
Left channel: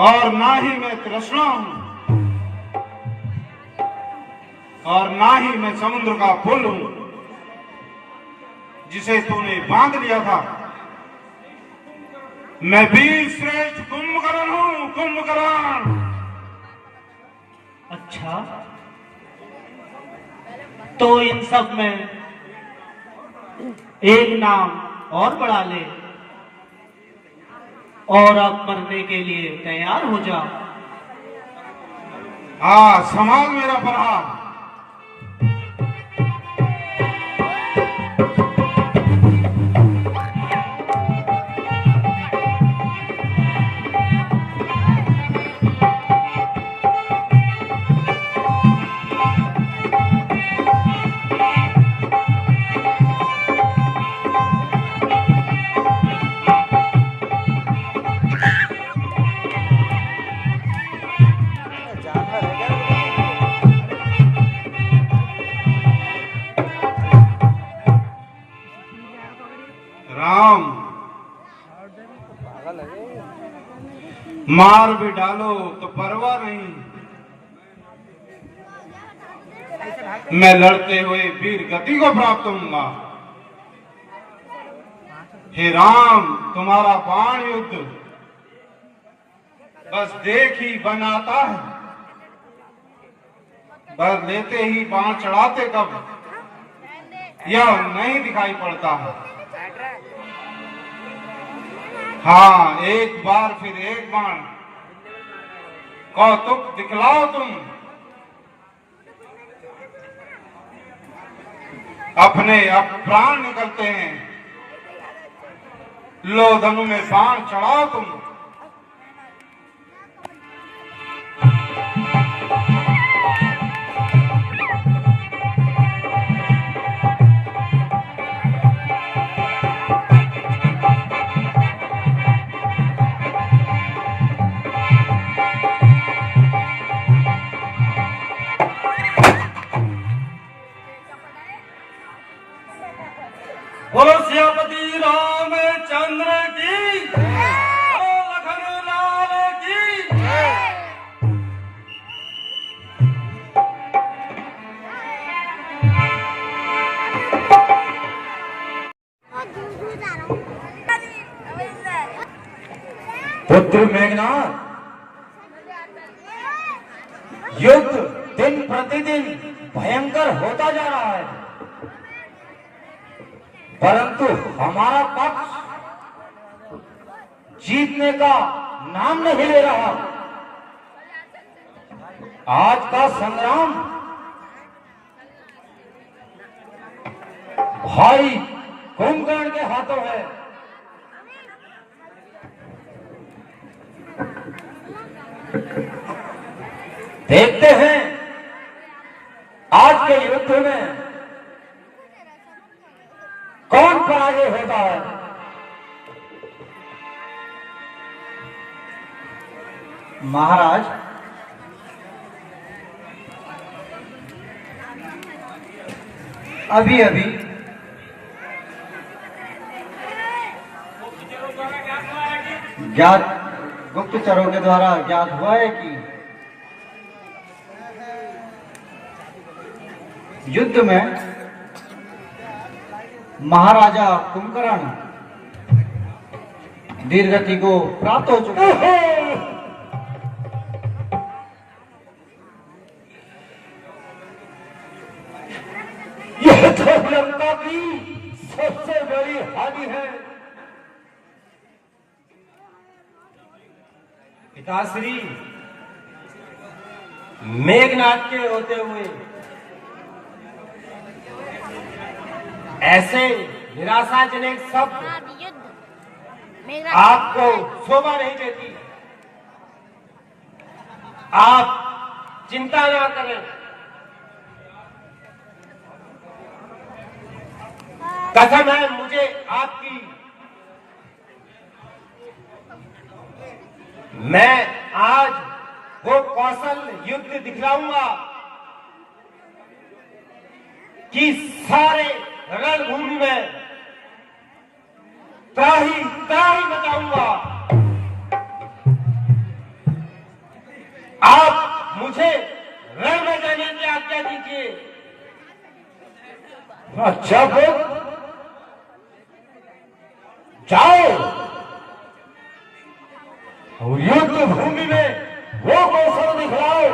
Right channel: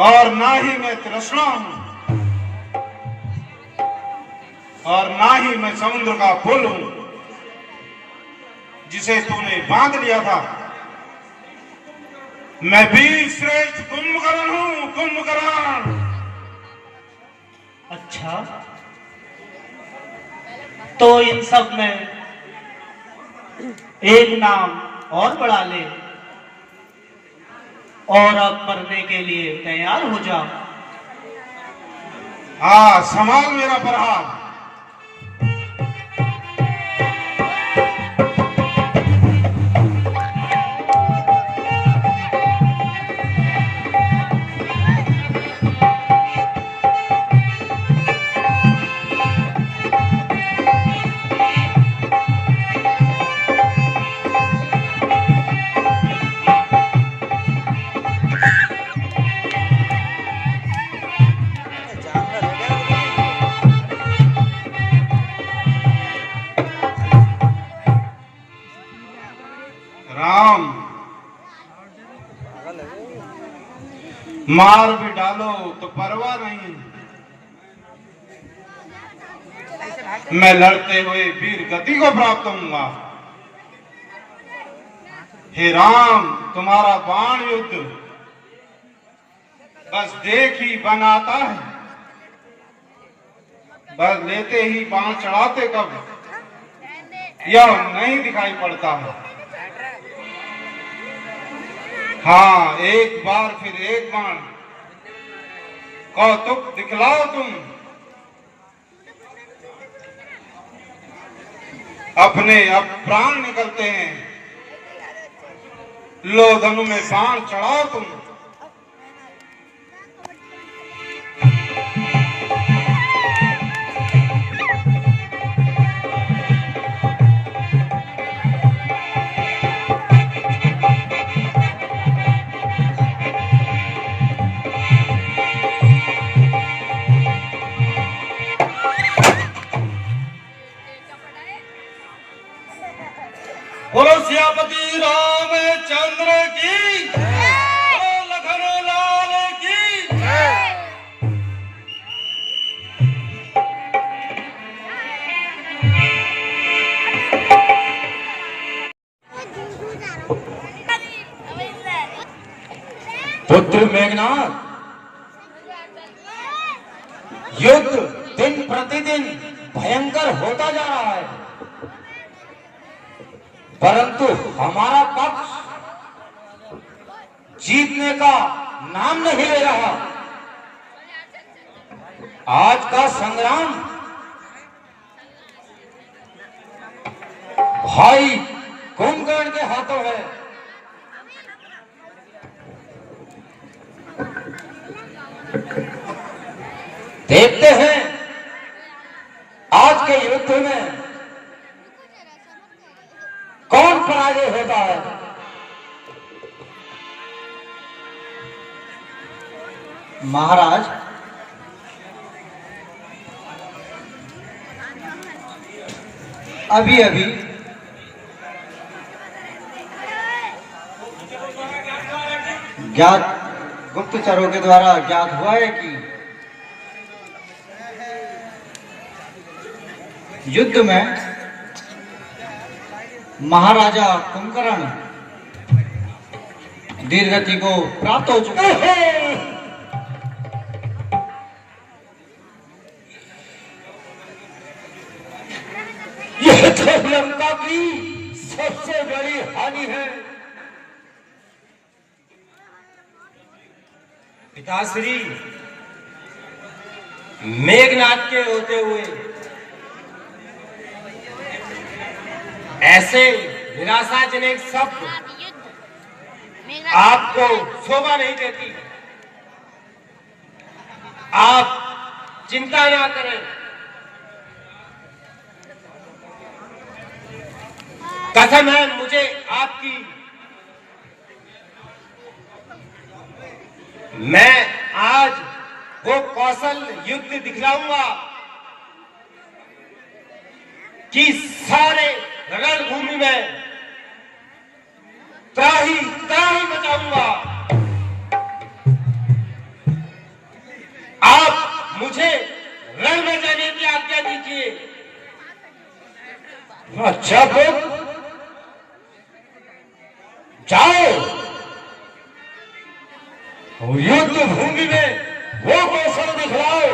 और ना ही मैं तृष्णा हूं, और ना ही मैं समुद्र का पुल हूं जिसे तूने बांध लिया था। मैं वीर श्रेष्ठ कुंभकर्ण हूं, कुंभकर्ण। अच्छा, तो इन सब में एक नाम और बढ़ा ले और अब मरने के लिए तैयार हो जा। हाँ, संभाल मेरा प्रहार। जानवर है क्या? राम, पागल है। मार भी डालो तो परवाह नहीं, मैं लड़ते हुए वीर गति को प्राप्त होऊंगा। हे राम, तुम्हारा बाण युद्ध बस देख ही बनाता है, बस लेते ही बाण चढ़ाते कब यह नहीं दिखाई पड़ता है। हाँ, एक बार फिर एक बाण कौतुक दिखलाओ तुम, अपने अब प्राण निकलते हैं, लो धनु में बाण चढ़ाओ तुम। बोलो सियापति रामचंद्र की, बोलो लखन लाल की। पुत्र मेघनाथ, युद्ध दिन प्रतिदिन भयंकर होता जा रहा है, परंतु हमारा पक्ष जीतने का नाम नहीं ले रहा। आज का संग्राम भाई कुंभकर्ण के हाथों है। देखते हैं आज के युद्ध में कौन पराजय होता है। महाराज, अभी अभी ज्ञात गुप्तचरों के द्वारा ज्ञात हुआ है कि युद्ध में महाराजा कुंभकर्ण दीर्घगति को प्राप्त हो चुके हैं। यह तो लंका की सबसे बड़ी हानि है। पिताश्री, मेघनाथ के होते हुए ऐसे निराशाजनक शब्द आपको शोभा नहीं देती। आप चिंता न करें, कसम है मुझे आपकी, मैं आज वो कौशल युद्ध दिखलाऊंगा कि सारे रणभूमि में त्राही त्राही बचाऊंगा। आप मुझे रण में जाने की आज्ञा दीजिए। अच्छा पुत्र, जाओ युद्ध भूमि में वो कौशल दिखलाओ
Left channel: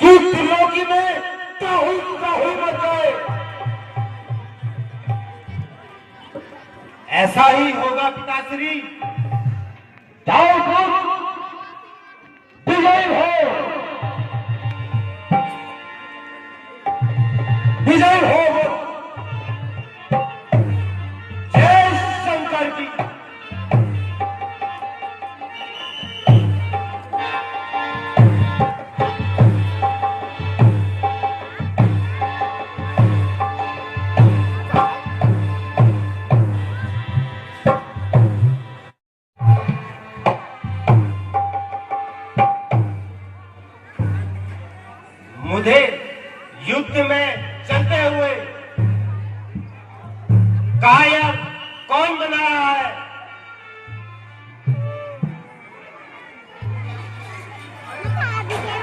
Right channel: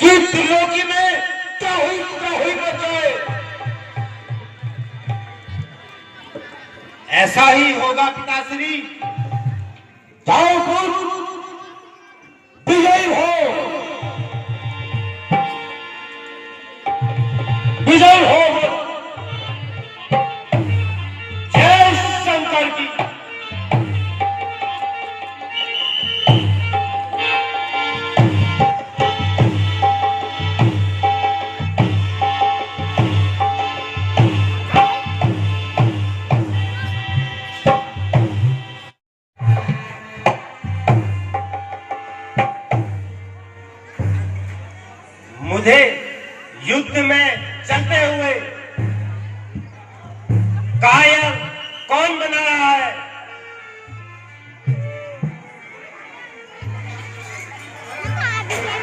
कि त्रिलोकी में त्राही त्राही मच जाए। ऐसा ही होगा पिताश्री। जाओ पुत्र, मुझे युद्ध में चलते हुए कायर कौन बना रहा है?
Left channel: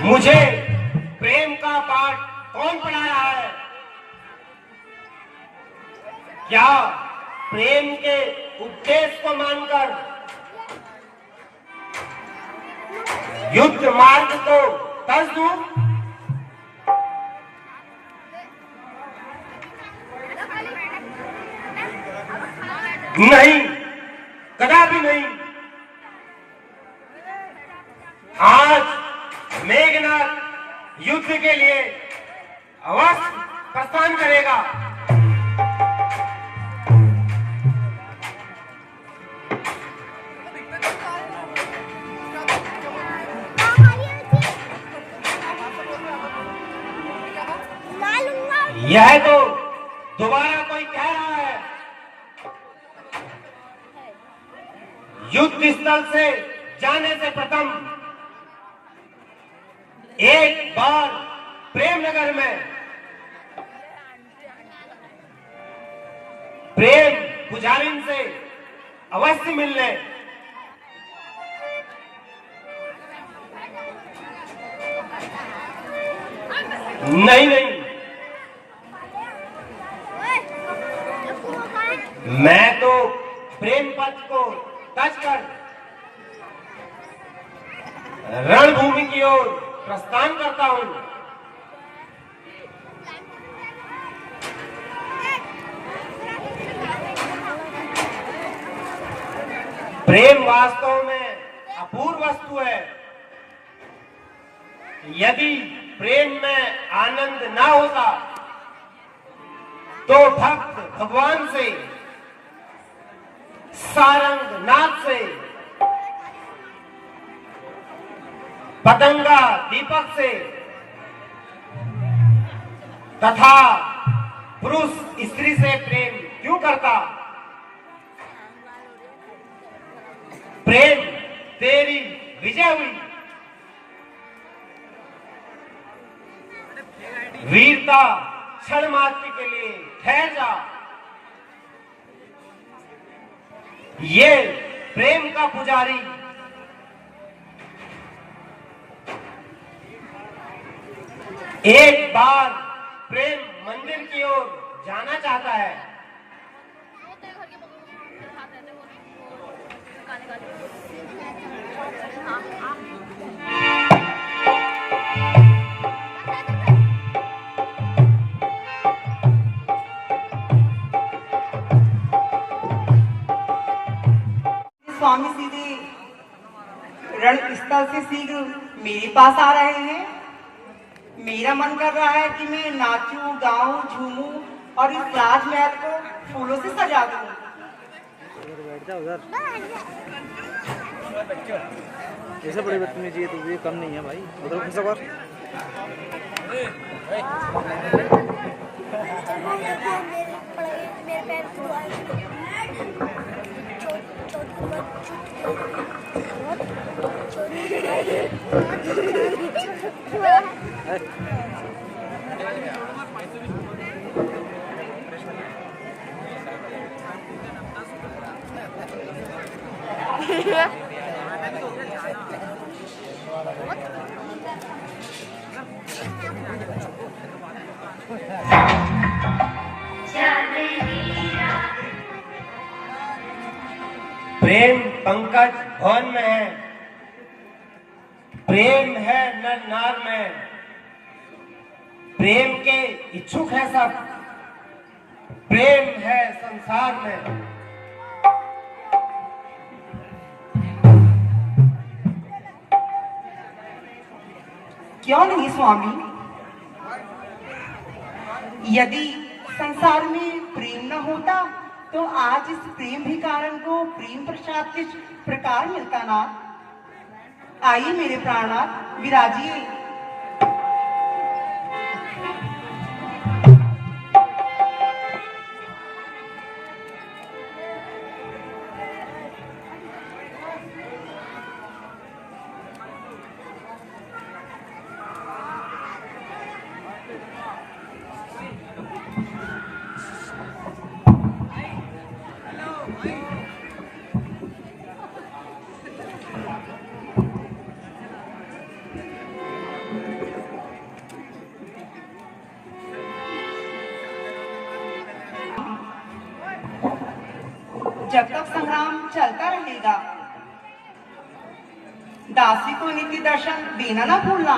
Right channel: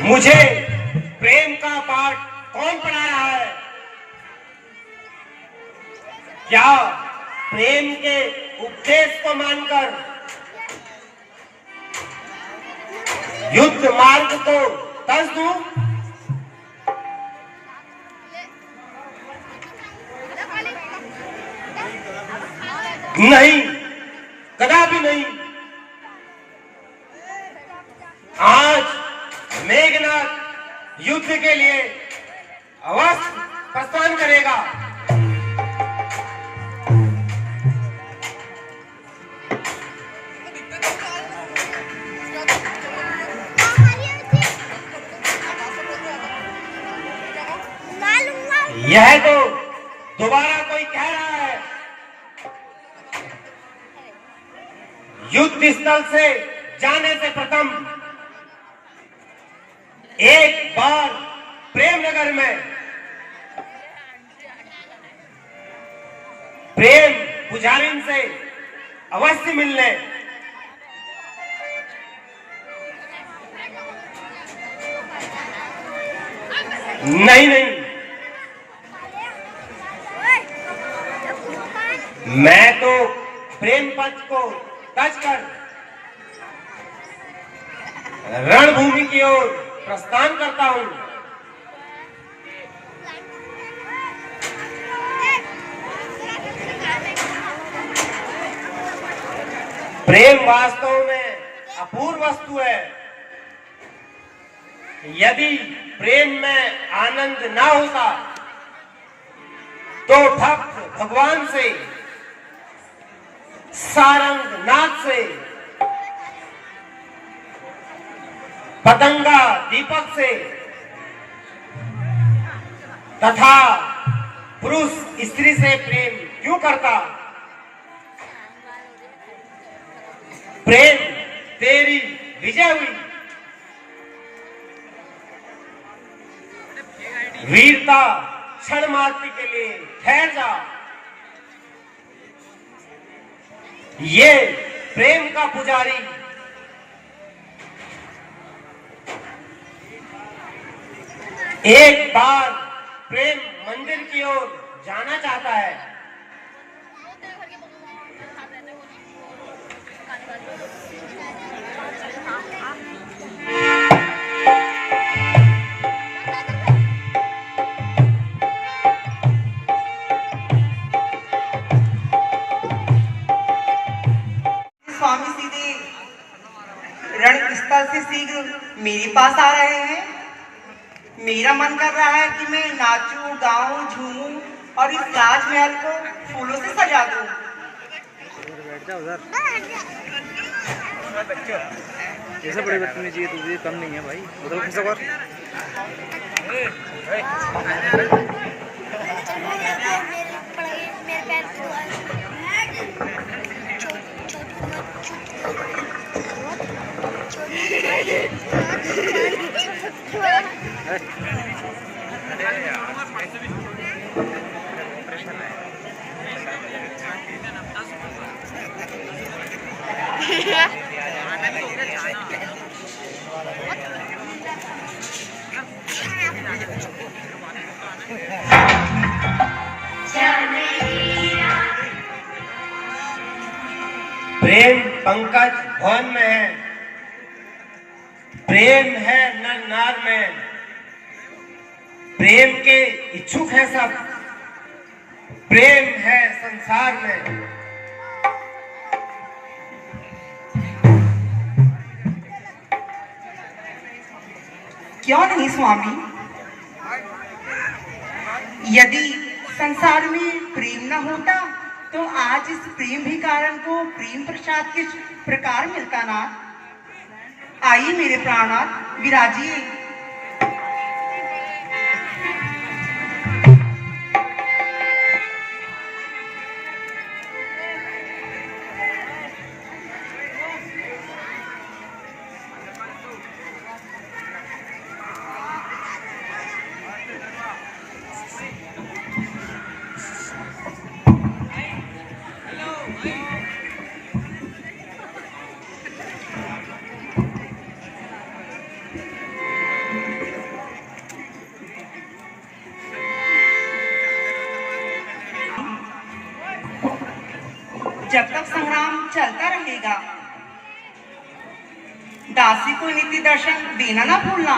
मुझे प्रेम का पाठ कौन पढ़ा रहा है? क्या प्रेम के उपदेश को मानकर युद्ध मार्ग को तज दूं? नहीं, कदापि नहीं। आज मेघनाथ युद्ध के लिए अवश्य प्रस्थान करेगा। यह तो दोबारा कोई कह रहा है, युद्ध स्थल से जाने से प्रथम एक बार प्रेमनगर में प्रेम पुजारिन से अवश्य मिल ले। नहीं नहीं, मैं तो प्रेम पथ को टच कर रणभूमि की ओर प्रस्थान करता हूं। प्रेम वास्तव में अपूर्व वस्तु है। यदि प्रेम में आनंद ना होता तो भक्त भगवान से, सारंग नाथ से, पतंगा दीपक से तथा पुरुष स्त्री से प्रेम क्यों करता? प्रेम तेरी विजय हुई। वीरता क्षण मात्र के लिए ठहर जा। ये प्रेम का पुजारी एक बार प्रेम मंदिर की ओर जाना चाहता है। स्वामी सीधे रणस्थल से शीघ्र मेरे पास आ रहे हैं। मेरा मन कर रहा है कि मैं नाचूं, गाऊं, झूमूं और इस राजमहल को फूलों से सजा दूं। बैठ जा उधर। ऐसे बड़े बदतमीजी है, तुझे कम नहीं है भाई। उधर खिसक और प्रेम पंकज भवन में है, प्रेम है नर नार में, प्रेम के इच्छुक है सब, प्रेम है संसार में। क्यों नहीं स्वामी? यदि संसार में प्रेम न होता तो आज इस प्रेम भिखारन को प्रेम प्रसाद किस प्रकार मिलता ना? आइए मेरे प्राणनाथ, विराजिए। जब तक संग्राम चलता रहेगा। दासी को नित्य दर्शन देना ना भूलना।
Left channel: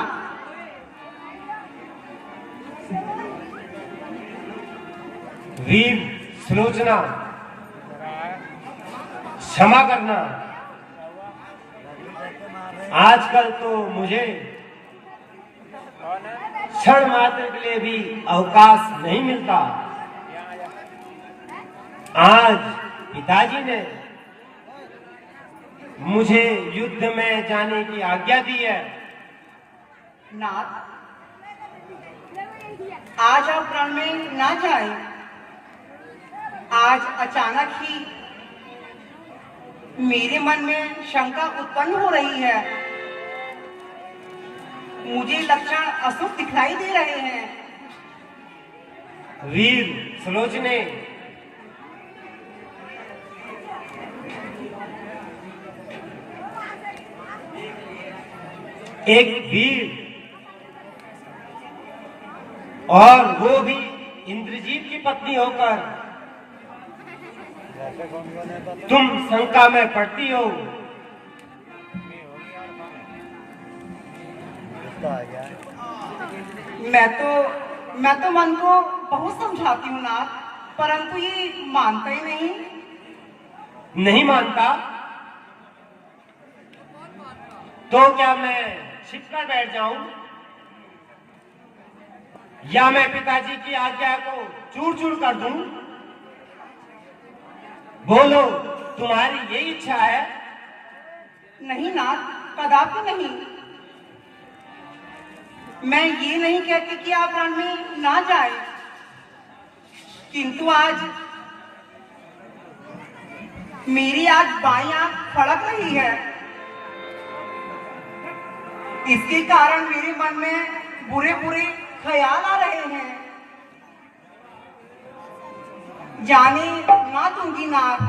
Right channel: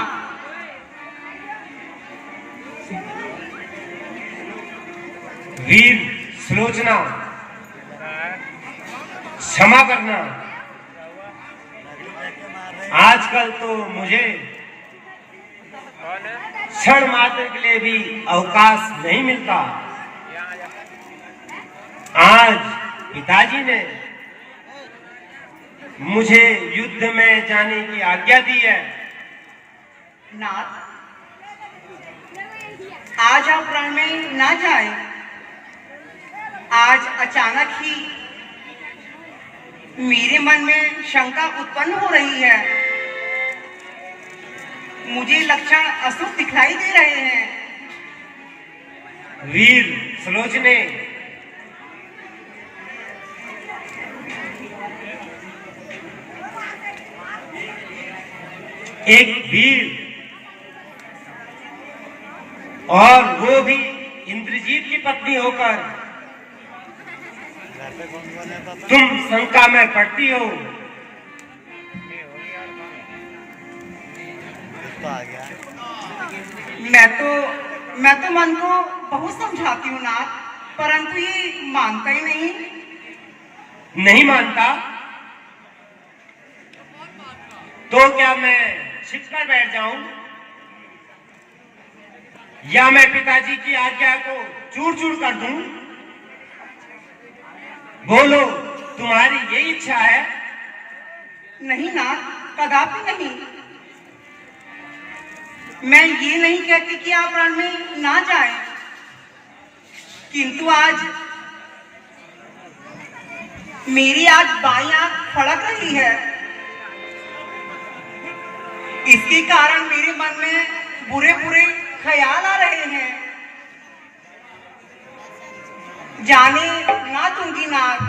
वीर सुलोचना, क्षमा करना, आजकल तो मुझे क्षण मात्र के लिए भी अवकाश नहीं मिलता। आज पिताजी ने मुझे युद्ध में जाने की आज्ञा दी है। नाथ, आज आप रण में ना जाए। आज अचानक ही मेरे मन में शंका उत्पन्न हो रही है। मुझे लक्षण अशुभ दिखाई दे रहे हैं। वीर सुलोचने, एक वीर और वो भी इंद्रजीत की पत्नी होकर तुम शंका में पड़ती हो। मैं तो मन को बहुत समझाती हूँ नाथ, परंतु ये मानता ही नहीं। नहीं मानता तो क्या मैं छिपकर बैठ जाऊं, या मैं पिताजी की आज्ञा को चूर चूर कर दूं? बोलो, तुम्हारी यही इच्छा है? नहीं नाथ, कदापि नहीं। मैं ये नहीं कहती कि आप रण में ना जाए, किंतु आज मेरी बाईं आंख फड़क रही है। इसके कारण मेरे मन में बुरे बुरे ख्याल आ रहे हैं। जाने ना दूंगी नाथ।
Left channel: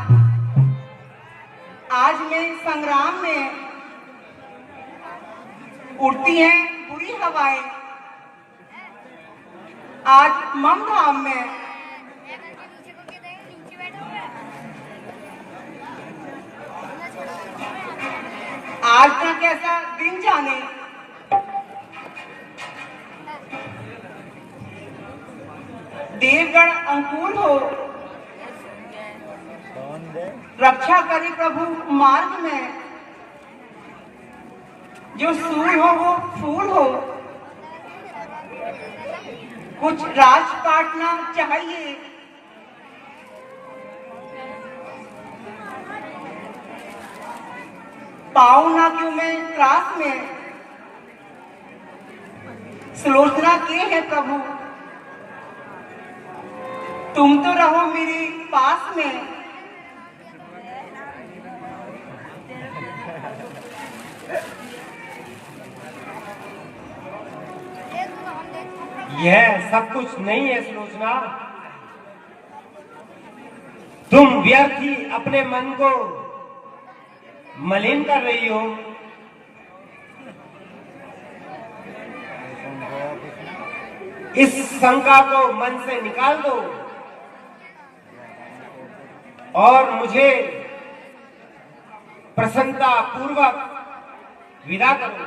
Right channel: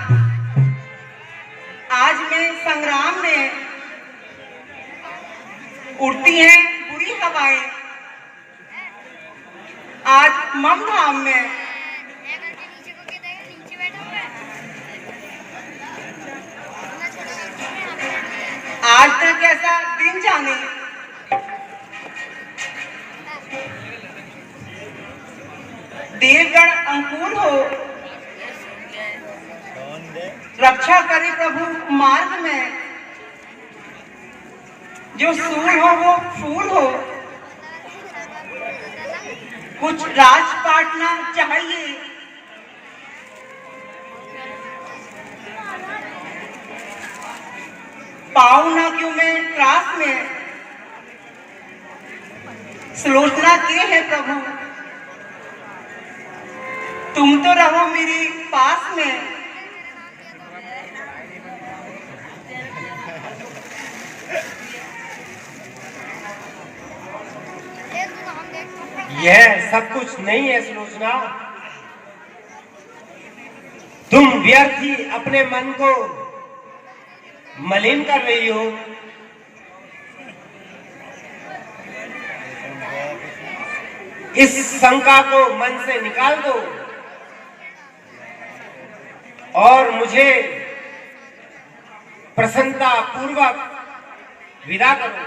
आज मैं संग्राम में उड़ती हैं बुरी हवाएं। आज ममधाम में आज तक ऐसा दिन जाने। देवगण अंकुर हो, रक्षा करे प्रभु मार्ग में। जो सूर हो वो फूल हो, कुछ राजपाट ना चाहिए। पाऊं ना क्यों मैं त्रास में, सुलोचना के है प्रभु। तुम तो रहो मेरे पास में। यह सब कुछ नहीं है सुलोचना। तुम व्यर्थ ही अपने मन को मलिन कर रही हो। इस शंका को मन से निकाल दो और मुझे प्रसन्नता पूर्वक विदा करो।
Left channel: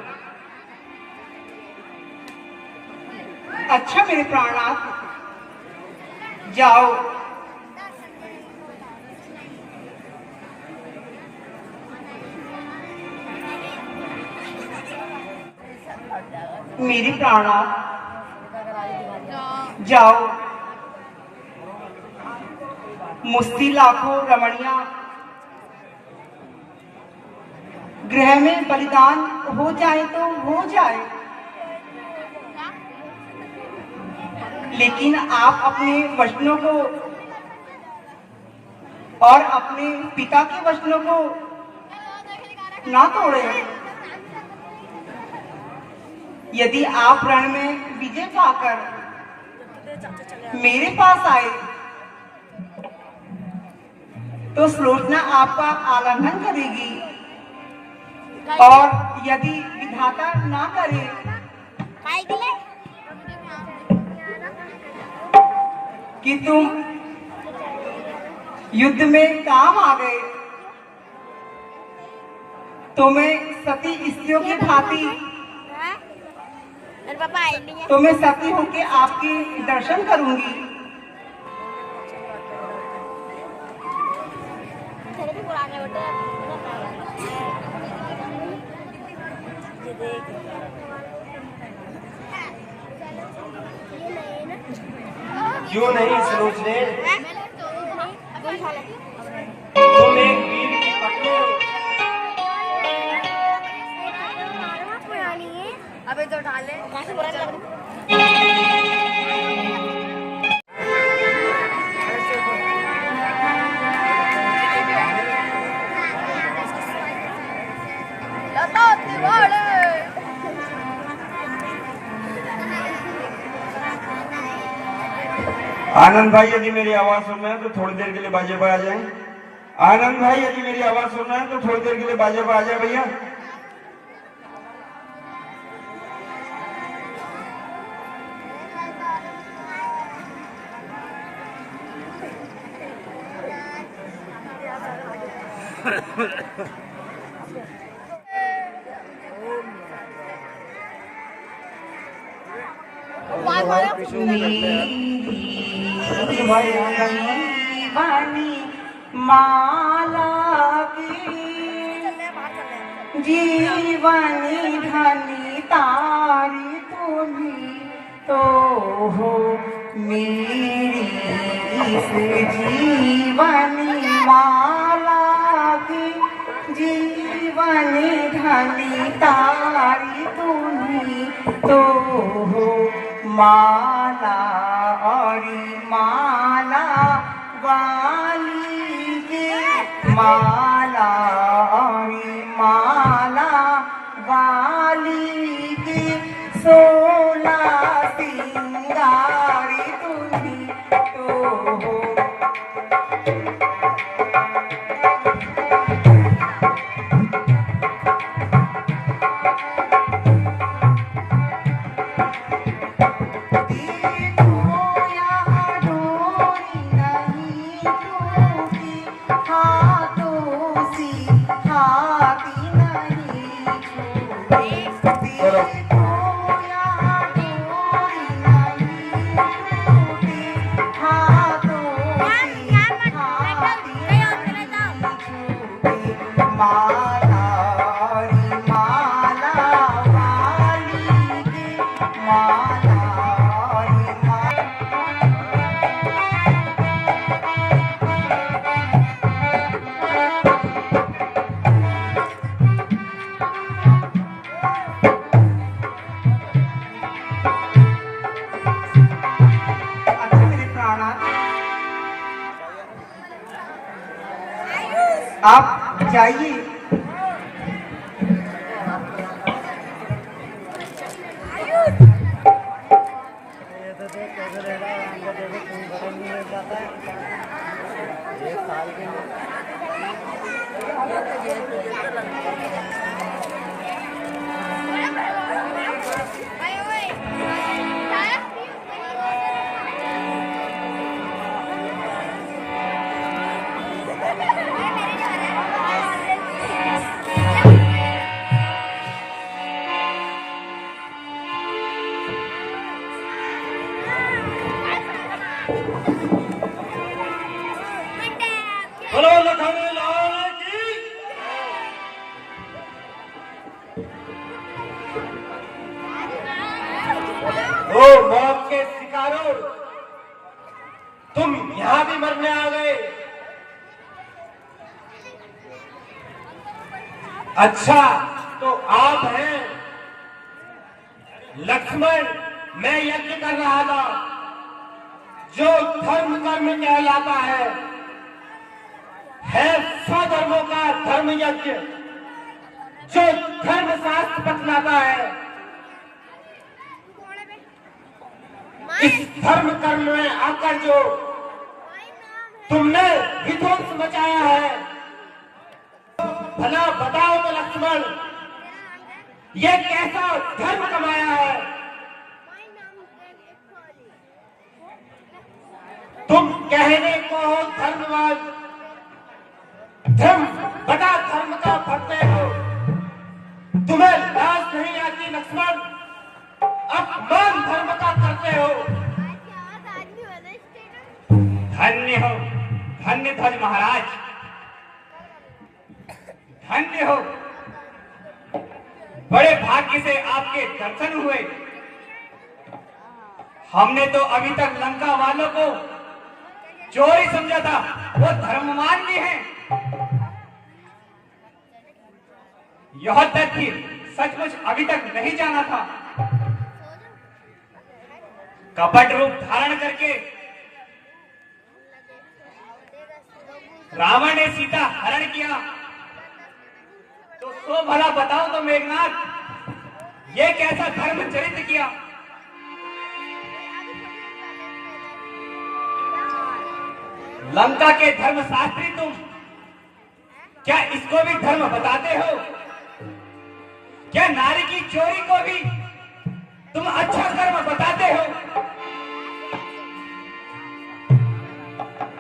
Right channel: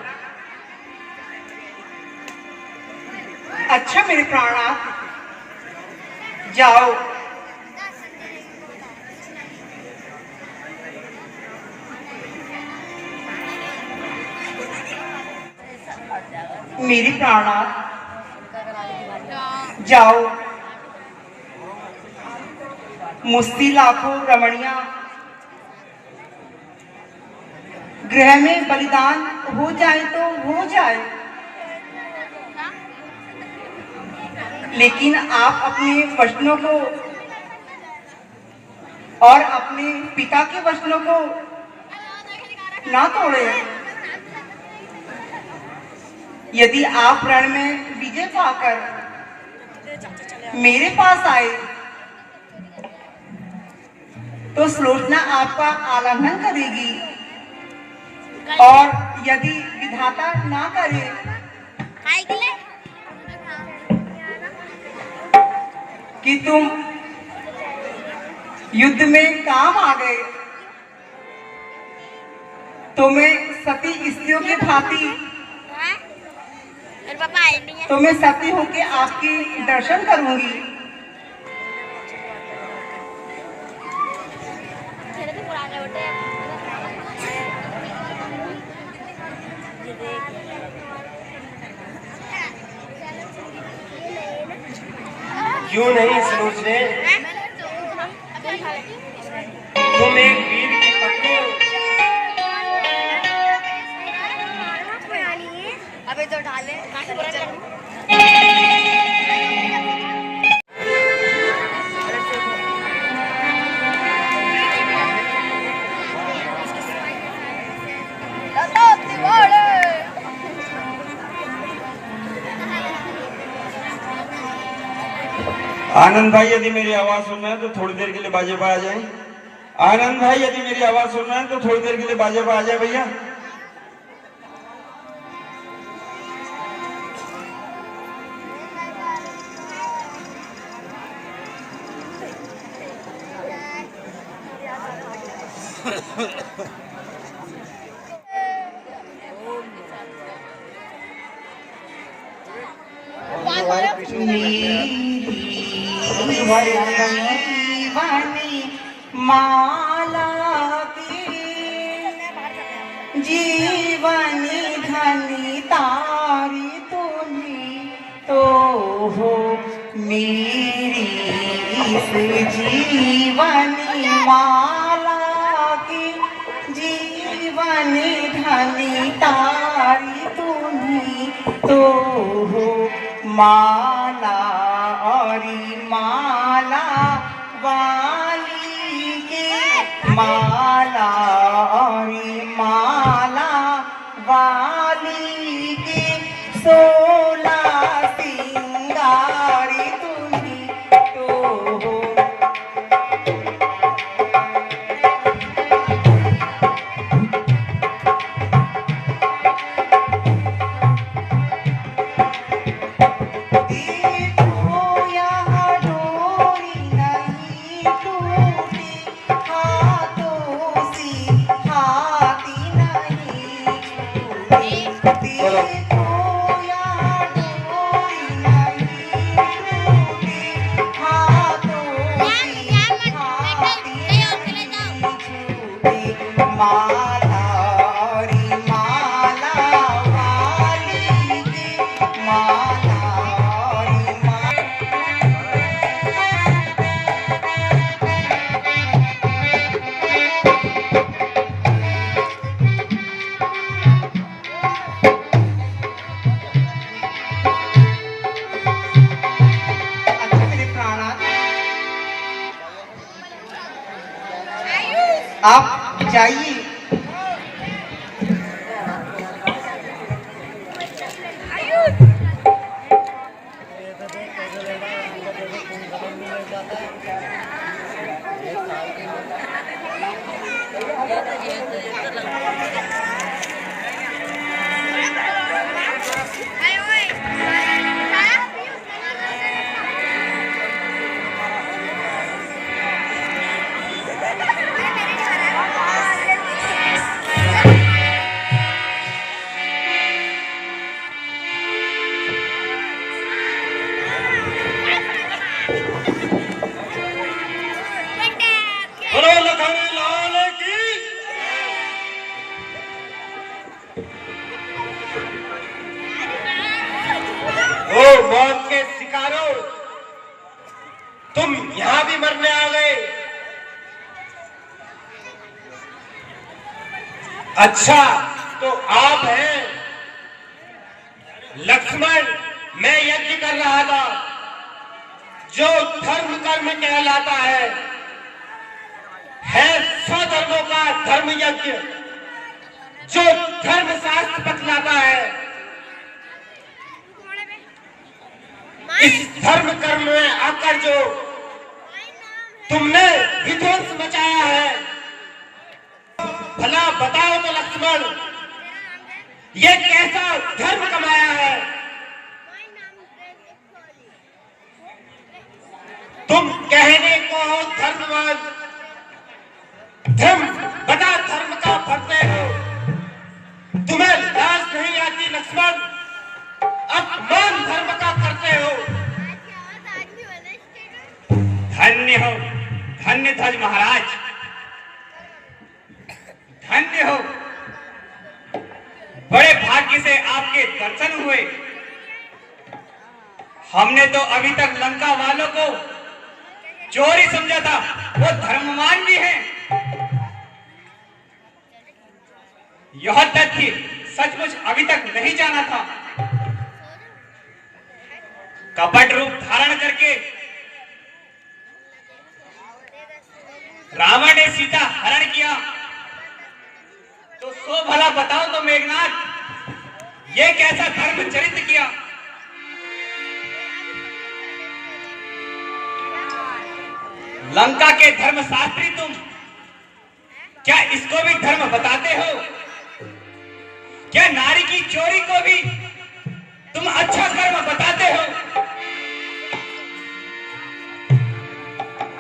अच्छा मेरे प्राणनाथ, जाओ। मेरी प्राणनाथ, जाओ। मुझसे लाखों रमणियां गृह में बलिदान हो जाए तो हो जाए, लेकिन आप अपने वचनों को और अपने पिता के वचनों को ना तोड़े। यदि आप रण में विजय पाकर मेरे पास आए तो सुलोचना आपका आलिंगन करेगी, और यदि विधाता ना करे कि तुम युद्ध में काम आ गए तो मैं सती स्त्रियों की भांति तो मैं सती होके आपकी दर्शन करूंगी। क्यों नहीं सोचने, तुम एक वीर की पत्नी हो। अबे तो डाले आनंद भाई यदि मेरी आवाज सुन रहे हैं तो थोड़ी देर के लिए बाजे पर आ जाए। आनंद भाई यदि मेरी आवाज सुन रहे हैं तो थोड़ी देर के लिए बाजे पर आ जाए भैया। जीवनी माला की जीवनी धनी तारी तुम्ही तो हो मेरी इस जीवनी माला की जीवनी धनी तारी तुम्ही तो हो माला और माला वाली के माला और माला वाली के 16 सिंगारी तुम्ही तो हो। आप जाइए। बोलो लखनऊ लाल की। ओ मौत के शिकारों, तुम यहां भी मरने आ गए। अच्छा तो आप हैं लक्ष्मण। मैं यज्ञ कर रहा था जो धर्म कर्म कहलाता है 100 धर्मों का धर्म यज्ञ जो धर्म शास्त्र बतलाता है। इस धर्म कर्म में आकर जो तुमने विध्वंस मचाया है, भला बताओ तो लक्ष्मण, ये कैसा धर्म कमाया है? तुम कहने को हो धर्मवाद, धर्म बता धर्म का भरते हो। तुम्हें लाज नहीं आती लक्ष्मण, अपमान धर्म का करते हो। धन्य हो, धन्य ध्वज महाराज, धन्य हो। बड़े भाग्य से आपके दर्शन हुए। हमने तो अभी तक लंका वालों को चोर ही समझा था, वो धर्मवान भी हैं। यह तथ्य सचमुच अभी तक नहीं जाना था। कपट रूप धारण करके रावण ने सीता हरण किया, तो सो भला बताओ तो मेघनाथ, ये कैसा धर्म चरित्र किया। लंका के धर्मशास्त्री तुम, क्या इसको भी धर्म बताते हो? क्या नारी की चोरी को भी तुम अच्छा कर्म बताते हो?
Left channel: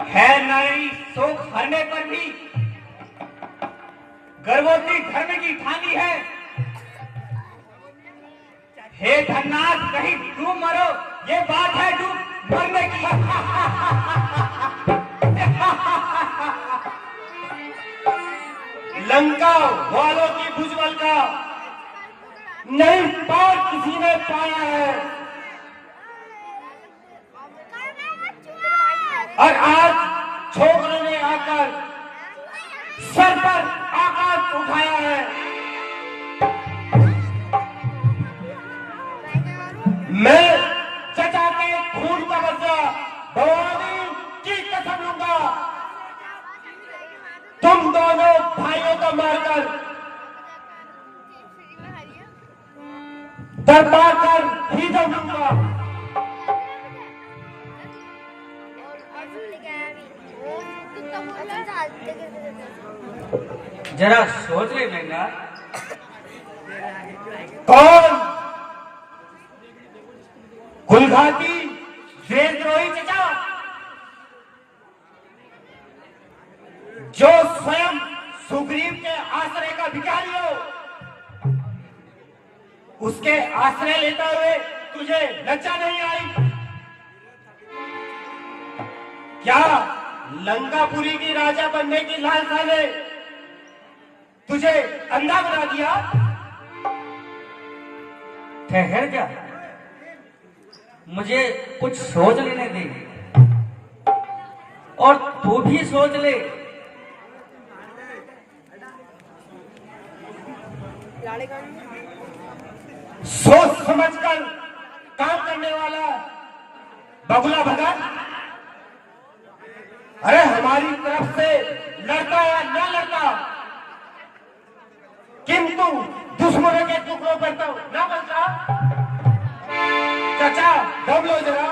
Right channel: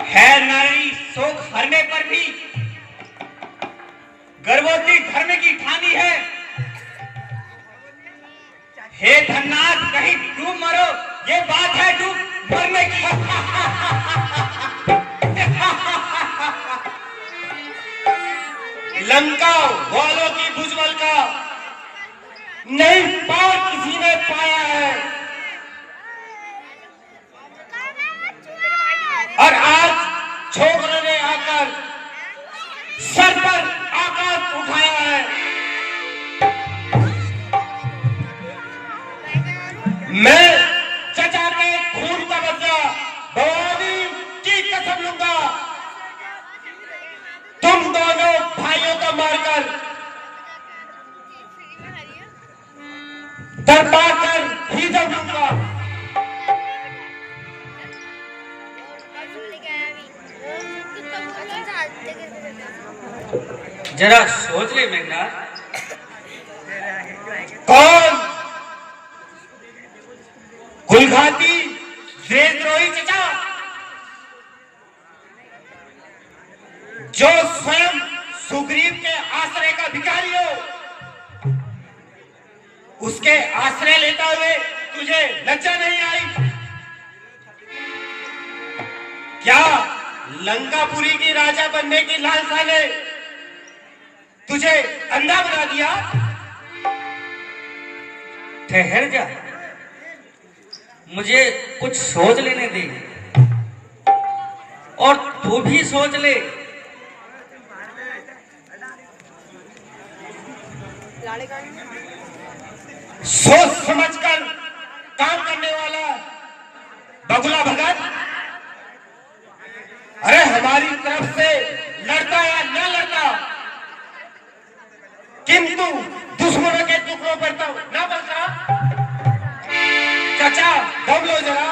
है नारी शोक हरने पर भी गर्भवती धर्म की ठानी है। हे धन्नाथ, कहीं डूब मरो, ये बात है डूब मरने की। लंका वालों की भुजबल का नहीं पार किसी ने पाया है, और आज छोकरों ने आकर सर पर आकाश उठाया है। मैं चचा के खून का बदला भवानी की कसम लूंगा, तुम दोनों भाइयों को मारकर दरबा कर ही दूंगा। जरा सोच ले मेघनाथ, कौन? कुलघाती देशद्रोही चचा, जो स्वयं सुग्रीव के आश्रय का भिखारी हो, उसके आश्रय लेते हुए तुझे लज्जा नहीं आई? क्या लंकापुरी की राजा बनने की लालसा ने तुझे अंधा बना दिया? ठहर जा, मुझे कुछ सोच लेने दे, और तू भी सोच ले। सोच समझकर काम करने वाला बगुला भगत, अरे हमारी तरफ से लड़ता या न लड़ता, किंतु दुश्मनों के टुकड़ों पर तो न बचता। चचा दम लो जरा,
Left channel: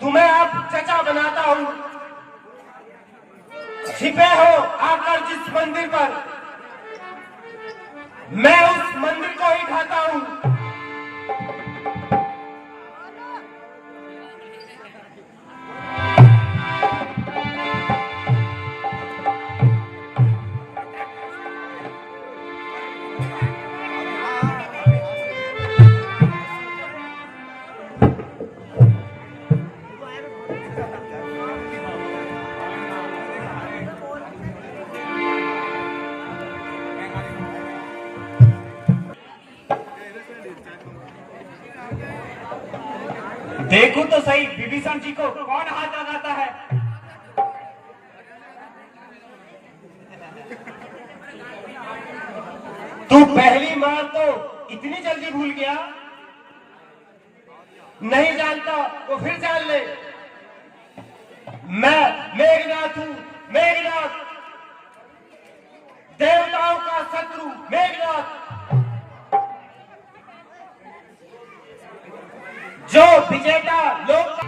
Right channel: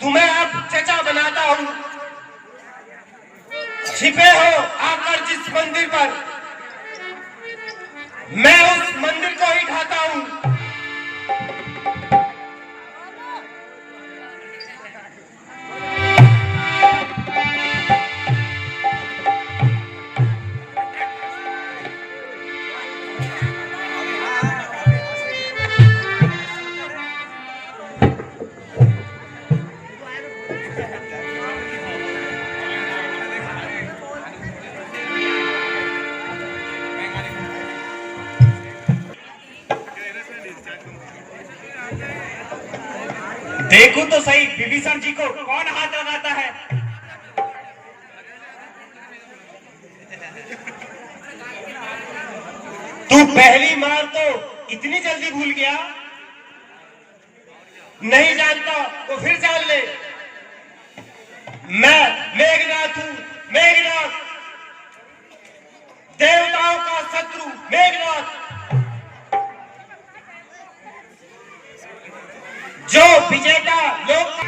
तुम्हें अब चचा बनाता हूं। छिपे हो आकर जिस मंदिर पर, मैं उस मंदिर को ही ढाता हूं। देखो तो सही विभीषण जी को कौन हाथ लगाता है। तू पहली मार तो इतनी जल्दी भूल गया? नहीं जानता तो फिर जान ले, मैं मेघनाथ हूं, मेघनाथ, देवताओं का शत्रु मेघनाथ, जो विजेता लोक।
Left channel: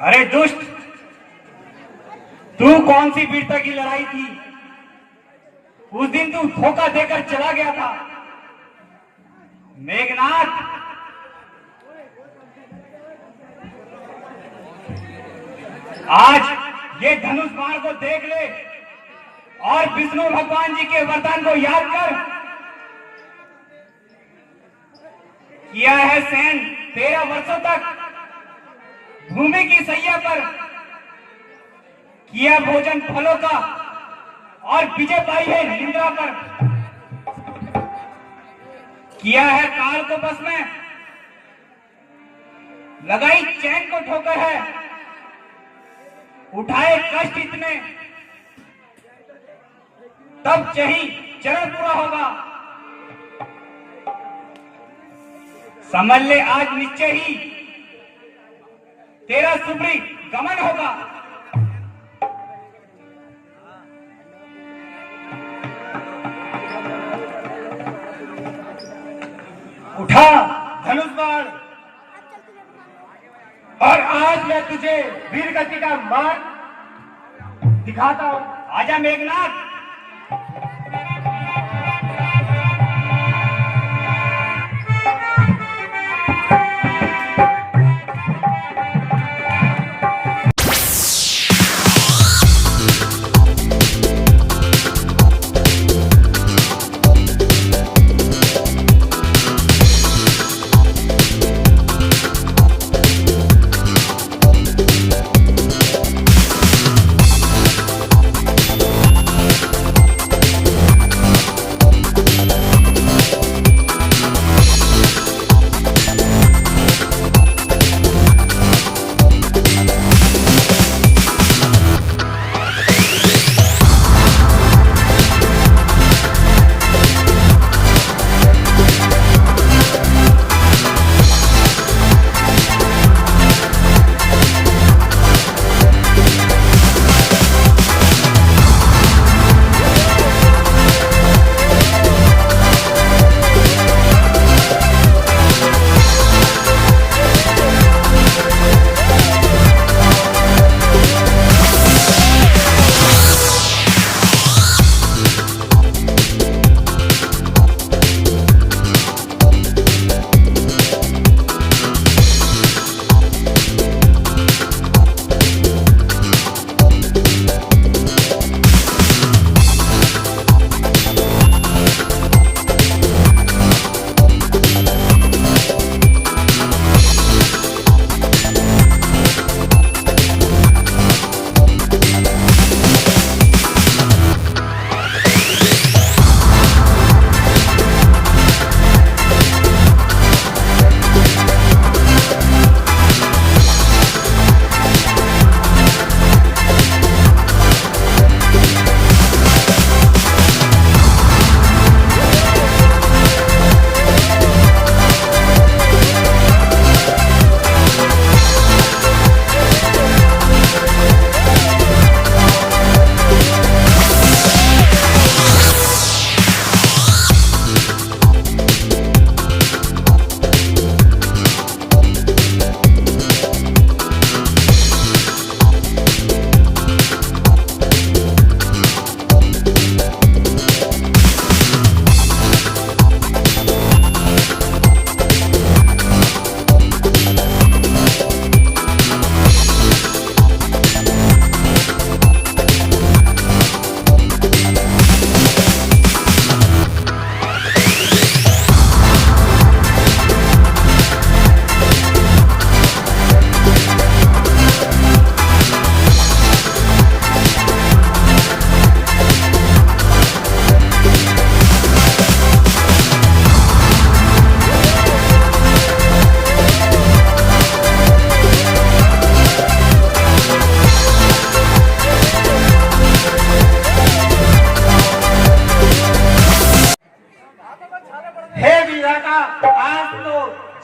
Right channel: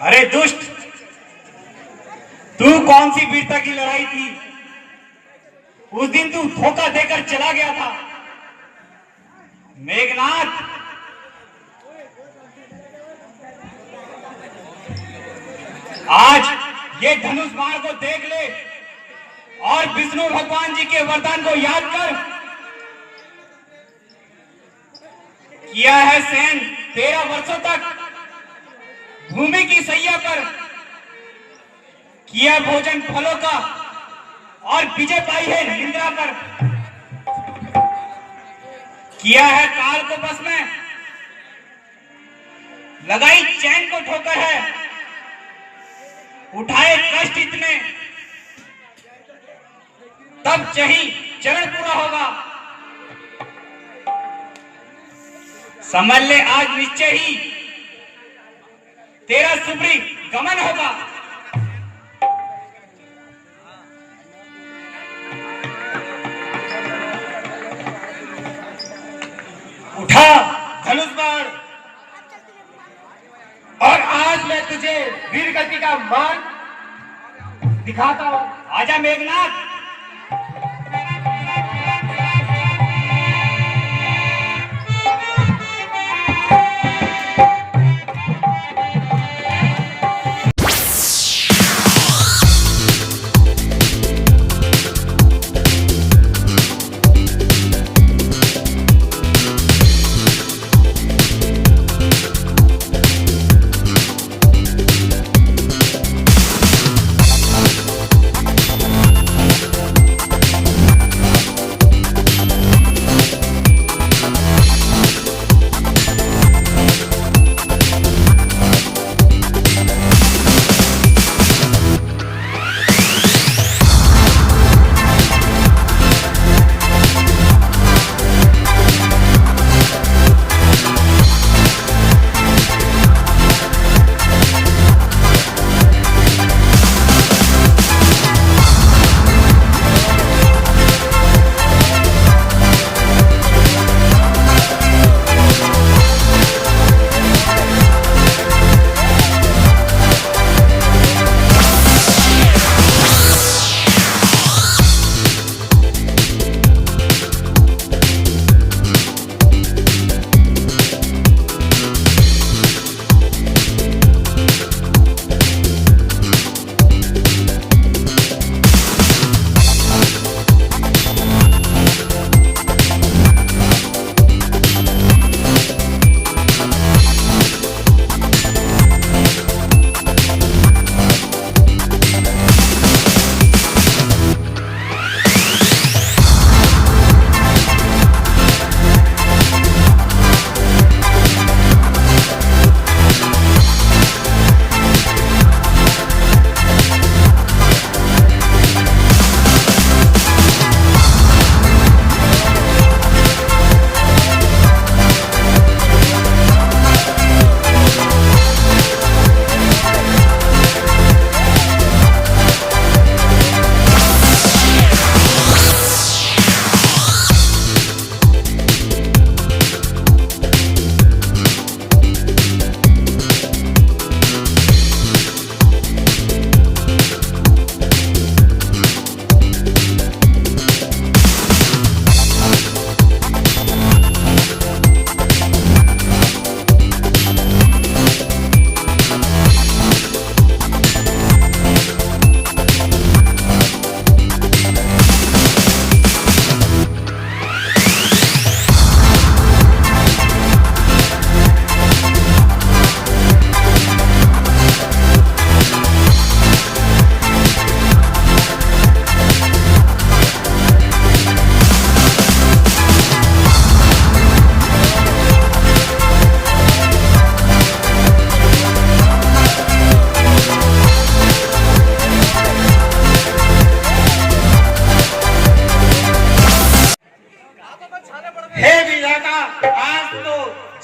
अरे दुष्ट, तू कौन सी वीरता की लड़ाई थी? उस दिन तू धोखा देकर चला गया था। मेघनाथ, आज ये धनुष बाण को देख ले और विष्णु भगवान जी के वरदान को याद कर। किया है सैन 13 वर्षों तक भूमि की सैया पर, किया भोजन फलों का और विजय पाई है निंद्रा पर। किया है काल को बस में, लगाई चैन को ठोकर है, उठाए कष्ट इतने, तब चाही चरण पूरा होगा। समझ ले आज निश्चय ही तेरा सुप्री गमन होगा। उठा धनुष बाण और आज मैं तुझे वीर गति का मार्ग दिखाता हूं। आजा मेघनाथ।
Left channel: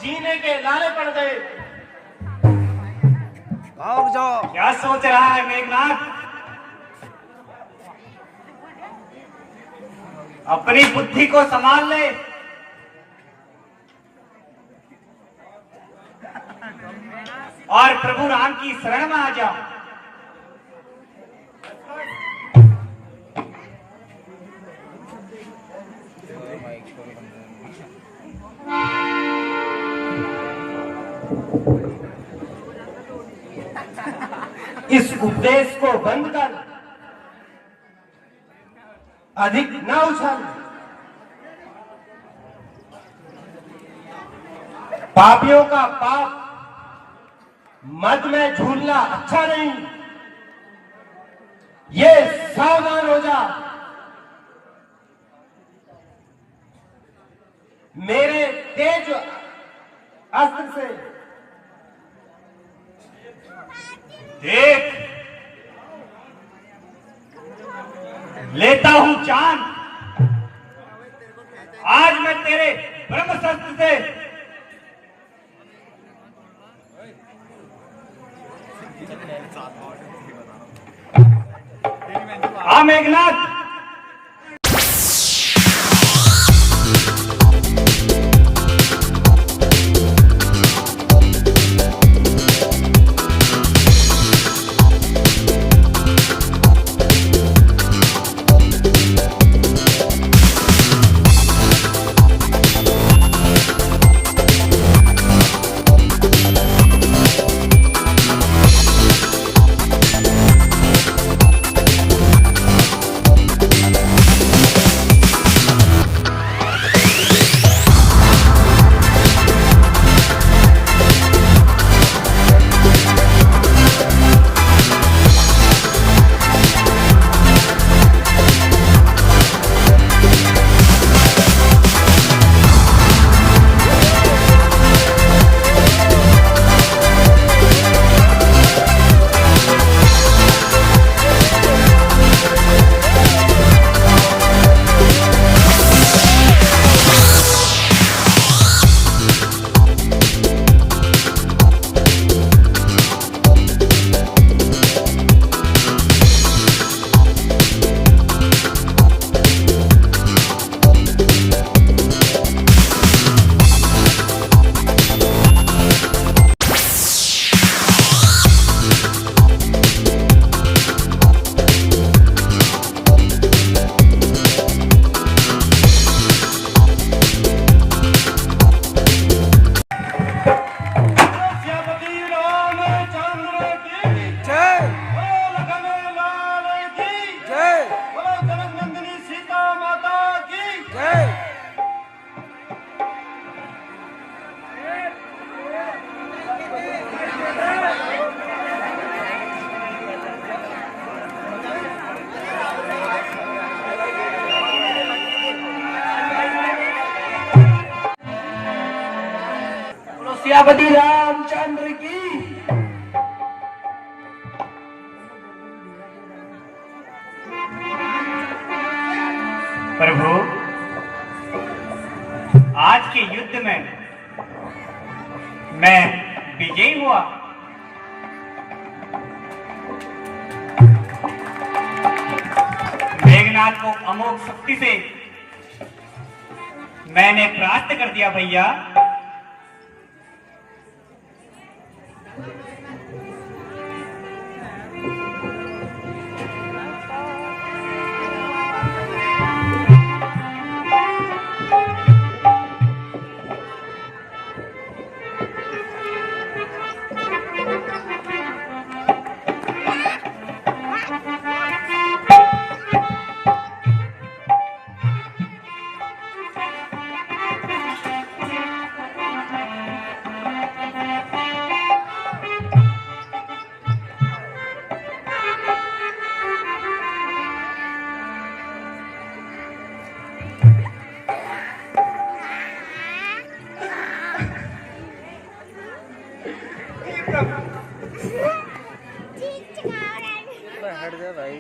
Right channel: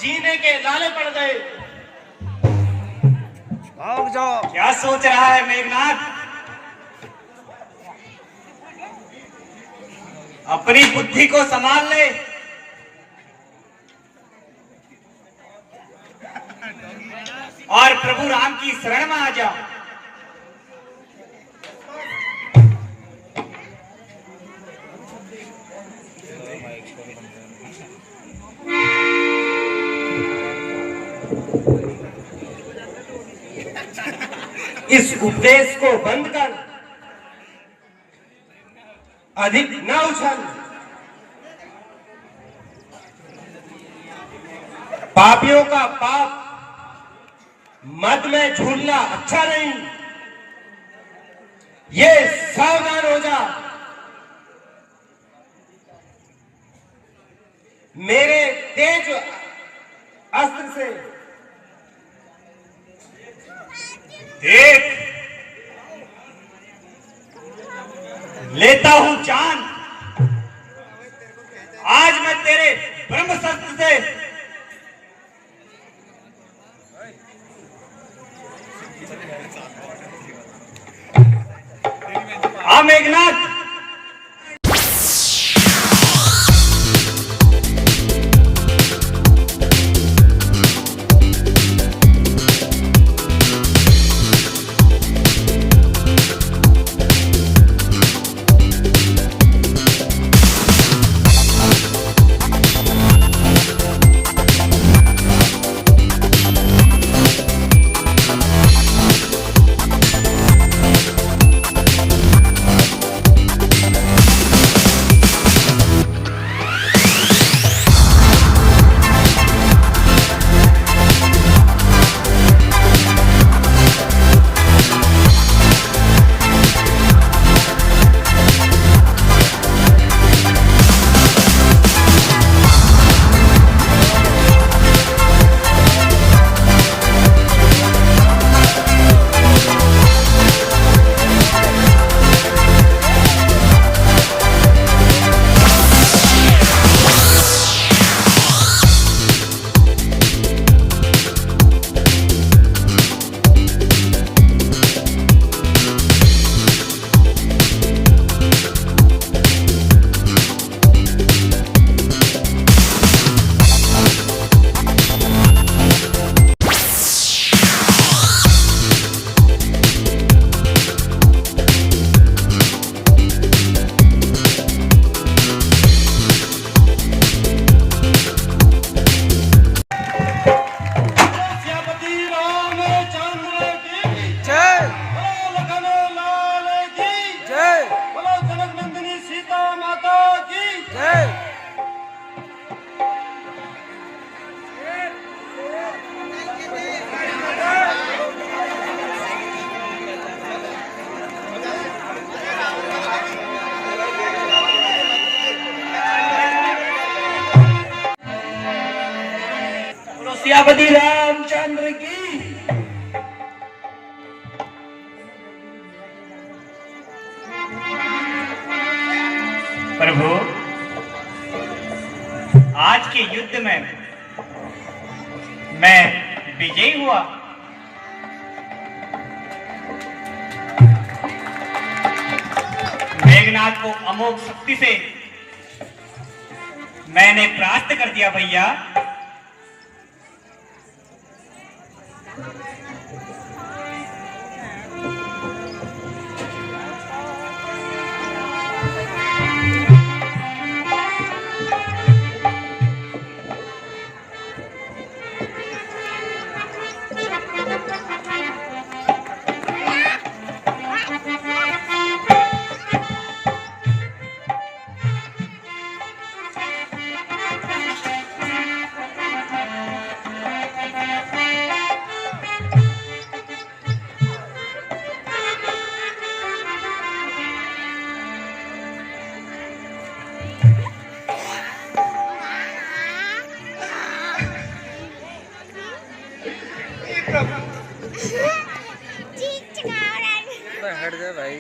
जीने के लाले पड़ गए। भाग जाओ। क्या सोच रहा है मेघनाथ? अपनी बुद्धि को संभाल ले और प्रभु राम की शरण में आ जाओ। इस उपदेश को बंद कर, अधिक न उछल। पापियों का पाप मद में झूलना अच्छा नहीं। ये सावधान हो जा। मेरे तेज अस्त्र से देख, लेता हूं जान। आज मैं तेरे ब्रह्मशस्त्र से मेघनाथ। सियापति रामचंद्र की। प्रभु, आज के युद्ध में मैं विजयी हुआ। मेघनाथ को अमोघ शक्ति से मैंने परास्त कर दिया भैया। हट जा भाई।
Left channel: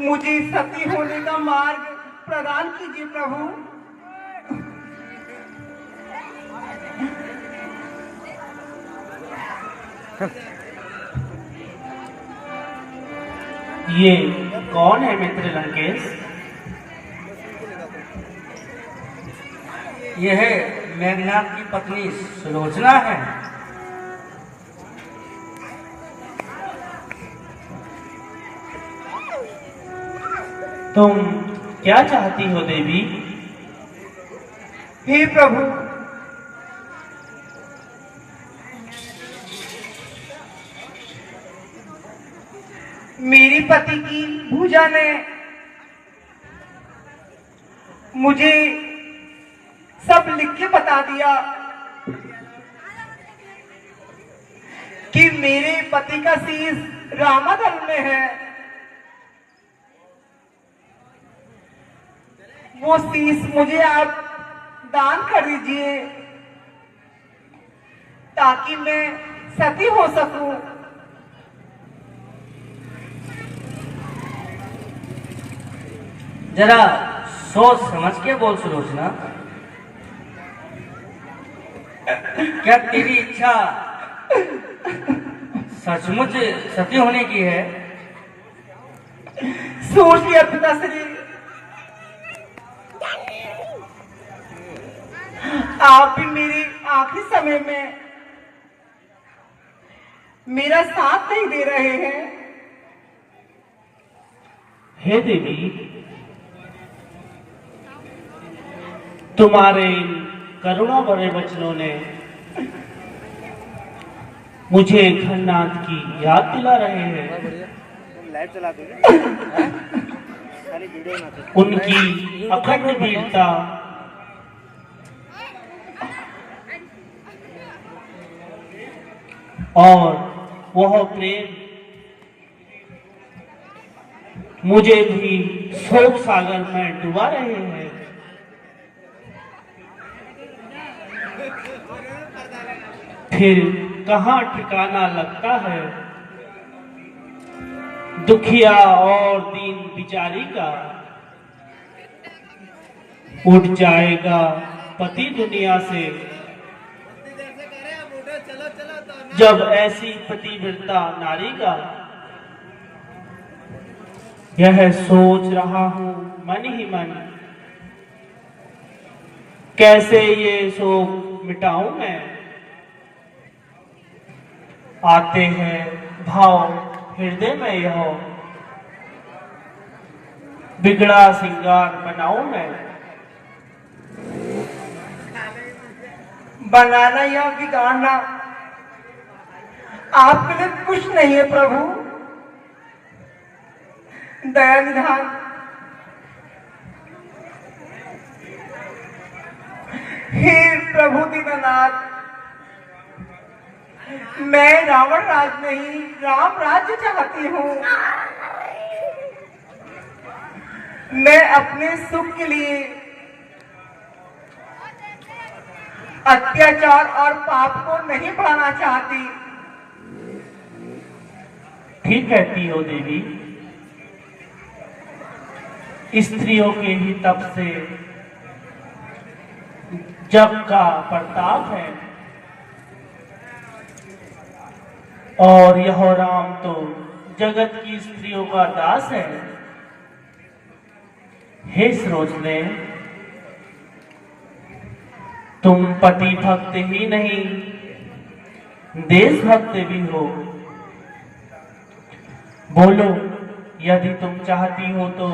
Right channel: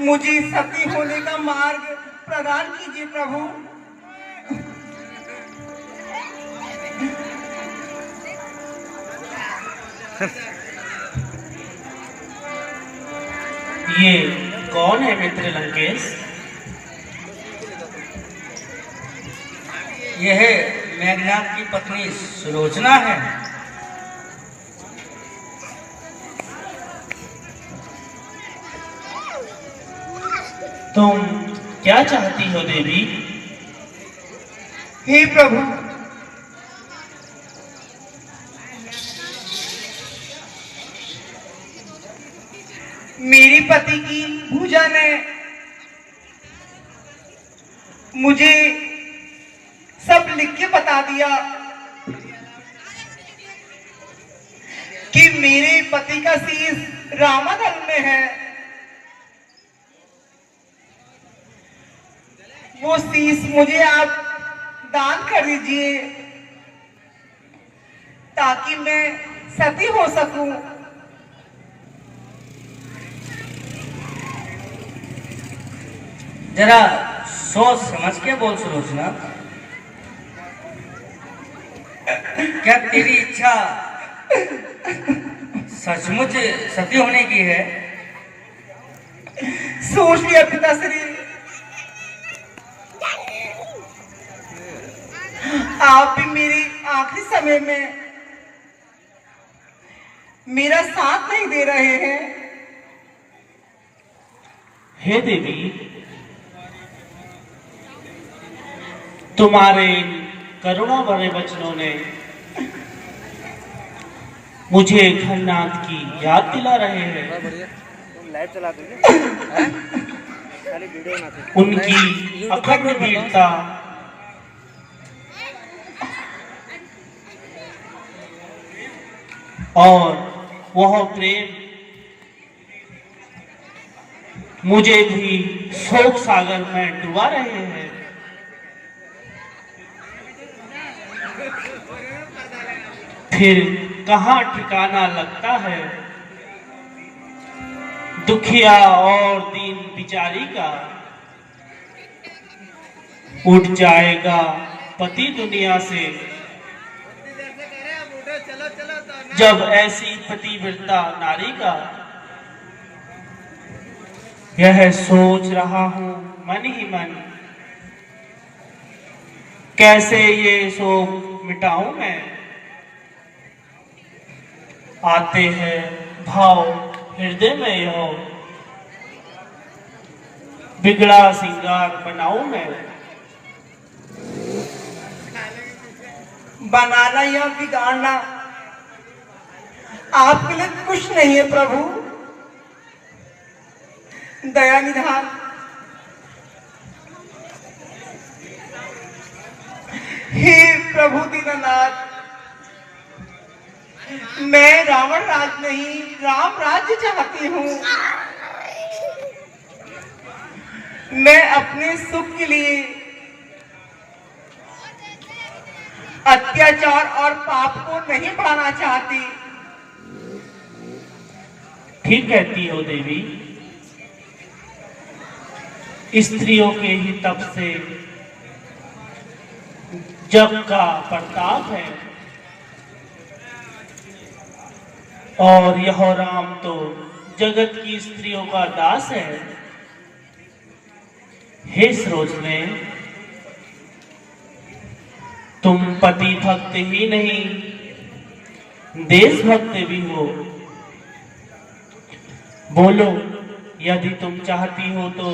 मुझे सती होने का मार्ग प्रदान कीजिए प्रभु। ये कौन है मित्र लंकेश? यह मेघनाथ की पत्नी सुलोचना है। तुम क्या चाहती हो देवी? हे प्रभु, मेरे पति की भुजा ने मुझे सब लिख के बता दिया कि मेरे पति का शीश रामादल में है। वो शीश मुझे आप दान कर दीजिए ताकि मैं सती हो सकूं। जरा सोच समझ के बोल सुलोचना। क्या तेरी इच्छा सचमुच सती होने की है? सोच लिया पिताश्री। आप भी मेरी आखिरी समय में मेरा साथ नहीं दे रहे हैं। हे देवी, तुम्हारे करुणा भरे वचनों ने मुझे घरनाथ की याद दिला रहे हैं। उनकी अखंड वीरता और वह प्रेम मुझे भी शोक सागर में डुबा रहे हैं। फिर कहाँ ठिकाना लगता है दुखिया और दीन बिचारी का। उठ जाएगा पति दुनिया से जब ऐसी पतिव्रता नारी का। यह सोच रहा हूं मन ही मन, कैसे ये शोक मिटाऊं मैं। आते हैं भाव हृदय में यह, बिगड़ा सिंगार बनाऊं मैं। बनाना या बिगाड़ना आपके लिए कुछ नहीं है प्रभु। दया निधान। हे प्रभु दीनानाथ, मैं रावण राज नहीं राम राज्य चाहती हूँ। मैं अपने सुख के लिए अत्याचार और पाप को नहीं पाना चाहती। ठीक कहती हो देवी, स्त्रियों के ही तप से जग का प्रताप है। और यह राम तो जगत की स्त्रियों का दास है। हे सरोजने, तुम पति भक्त ही नहीं देशभक्त भी हो। बोलो, यदि तुम चाहती हो तो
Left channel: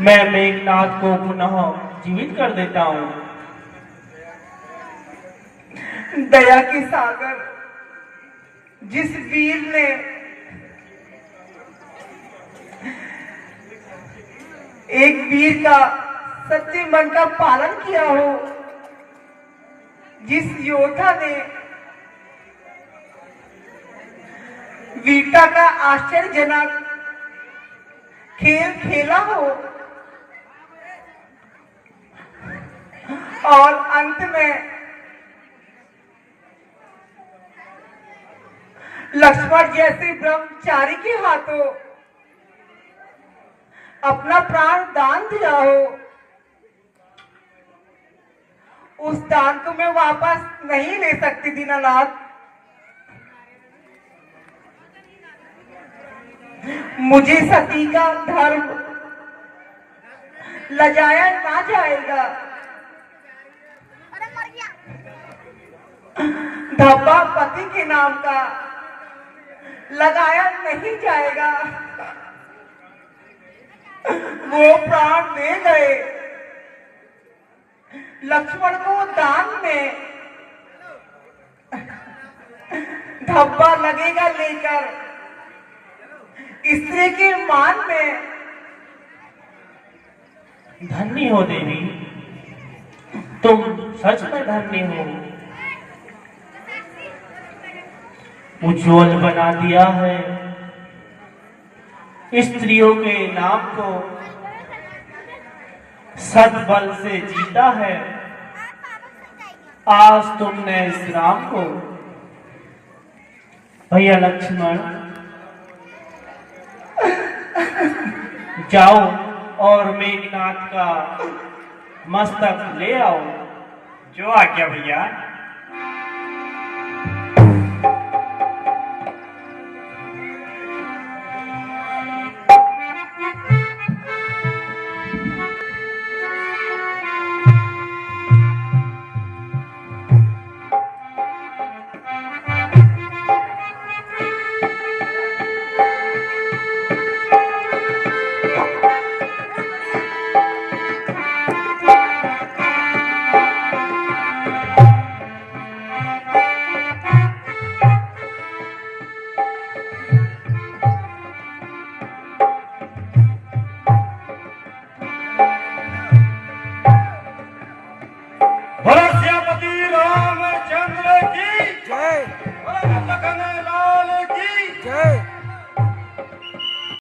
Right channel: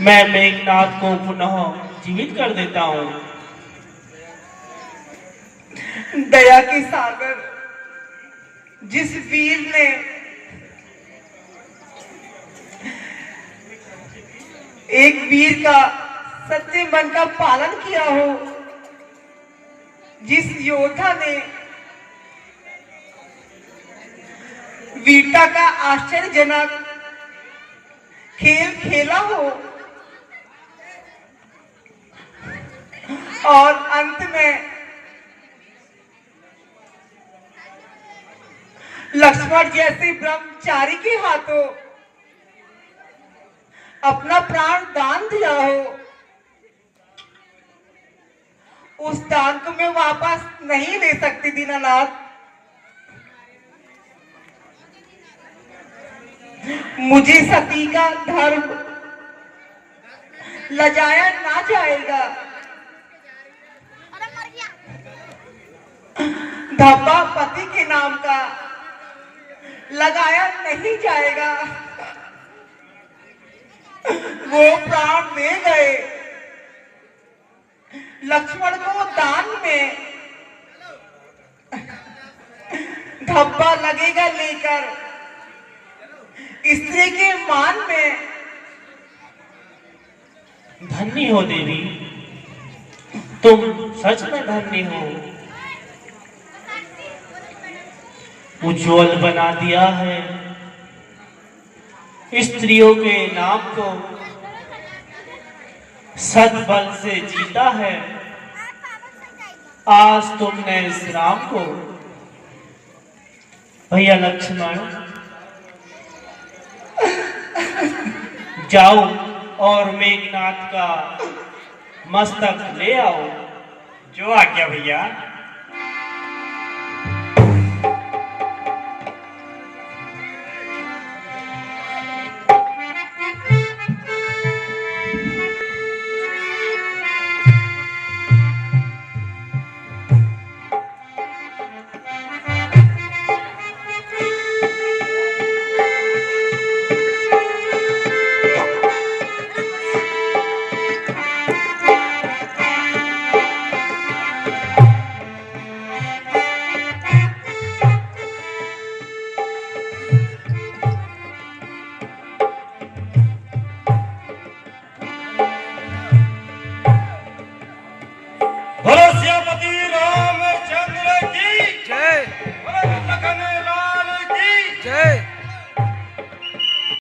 मैं मेघनाथ को पुनः जीवित कर देता हूं। दया के सागर, जिस वीर ने एक वीर का सच्चे मन का पालन किया हो, जिस योद्धा ने वीरता का आश्चर्यजनक खेल खेला हो और अंत में लक्ष्मण जैसे ब्रह्मचारी के हाथों अपना प्राण दान दिया हो, उस दान को मैं वापस नहीं ले सकती दीनानाथ। मुझे सती का धर्म लजाया ना जाएगा। धब्बा पति के नाम का लगाया नहीं जाएगा। वो प्राण दे गए, लक्ष्मण को दान में धब्बा लगेगा लेकर स्त्री के मान में। धन्य हो देवी, तुम सच में धन्य हो। उज्ज्वल बना दिया है स्त्रियों के नाम को, सद्बल से जीता है आज तुमने इस राम को। भैया लक्ष्मण, जाओ और मेघनाथ का मस्तक ले आओ। जो आज्ञा भैया। बोलो सियापति राम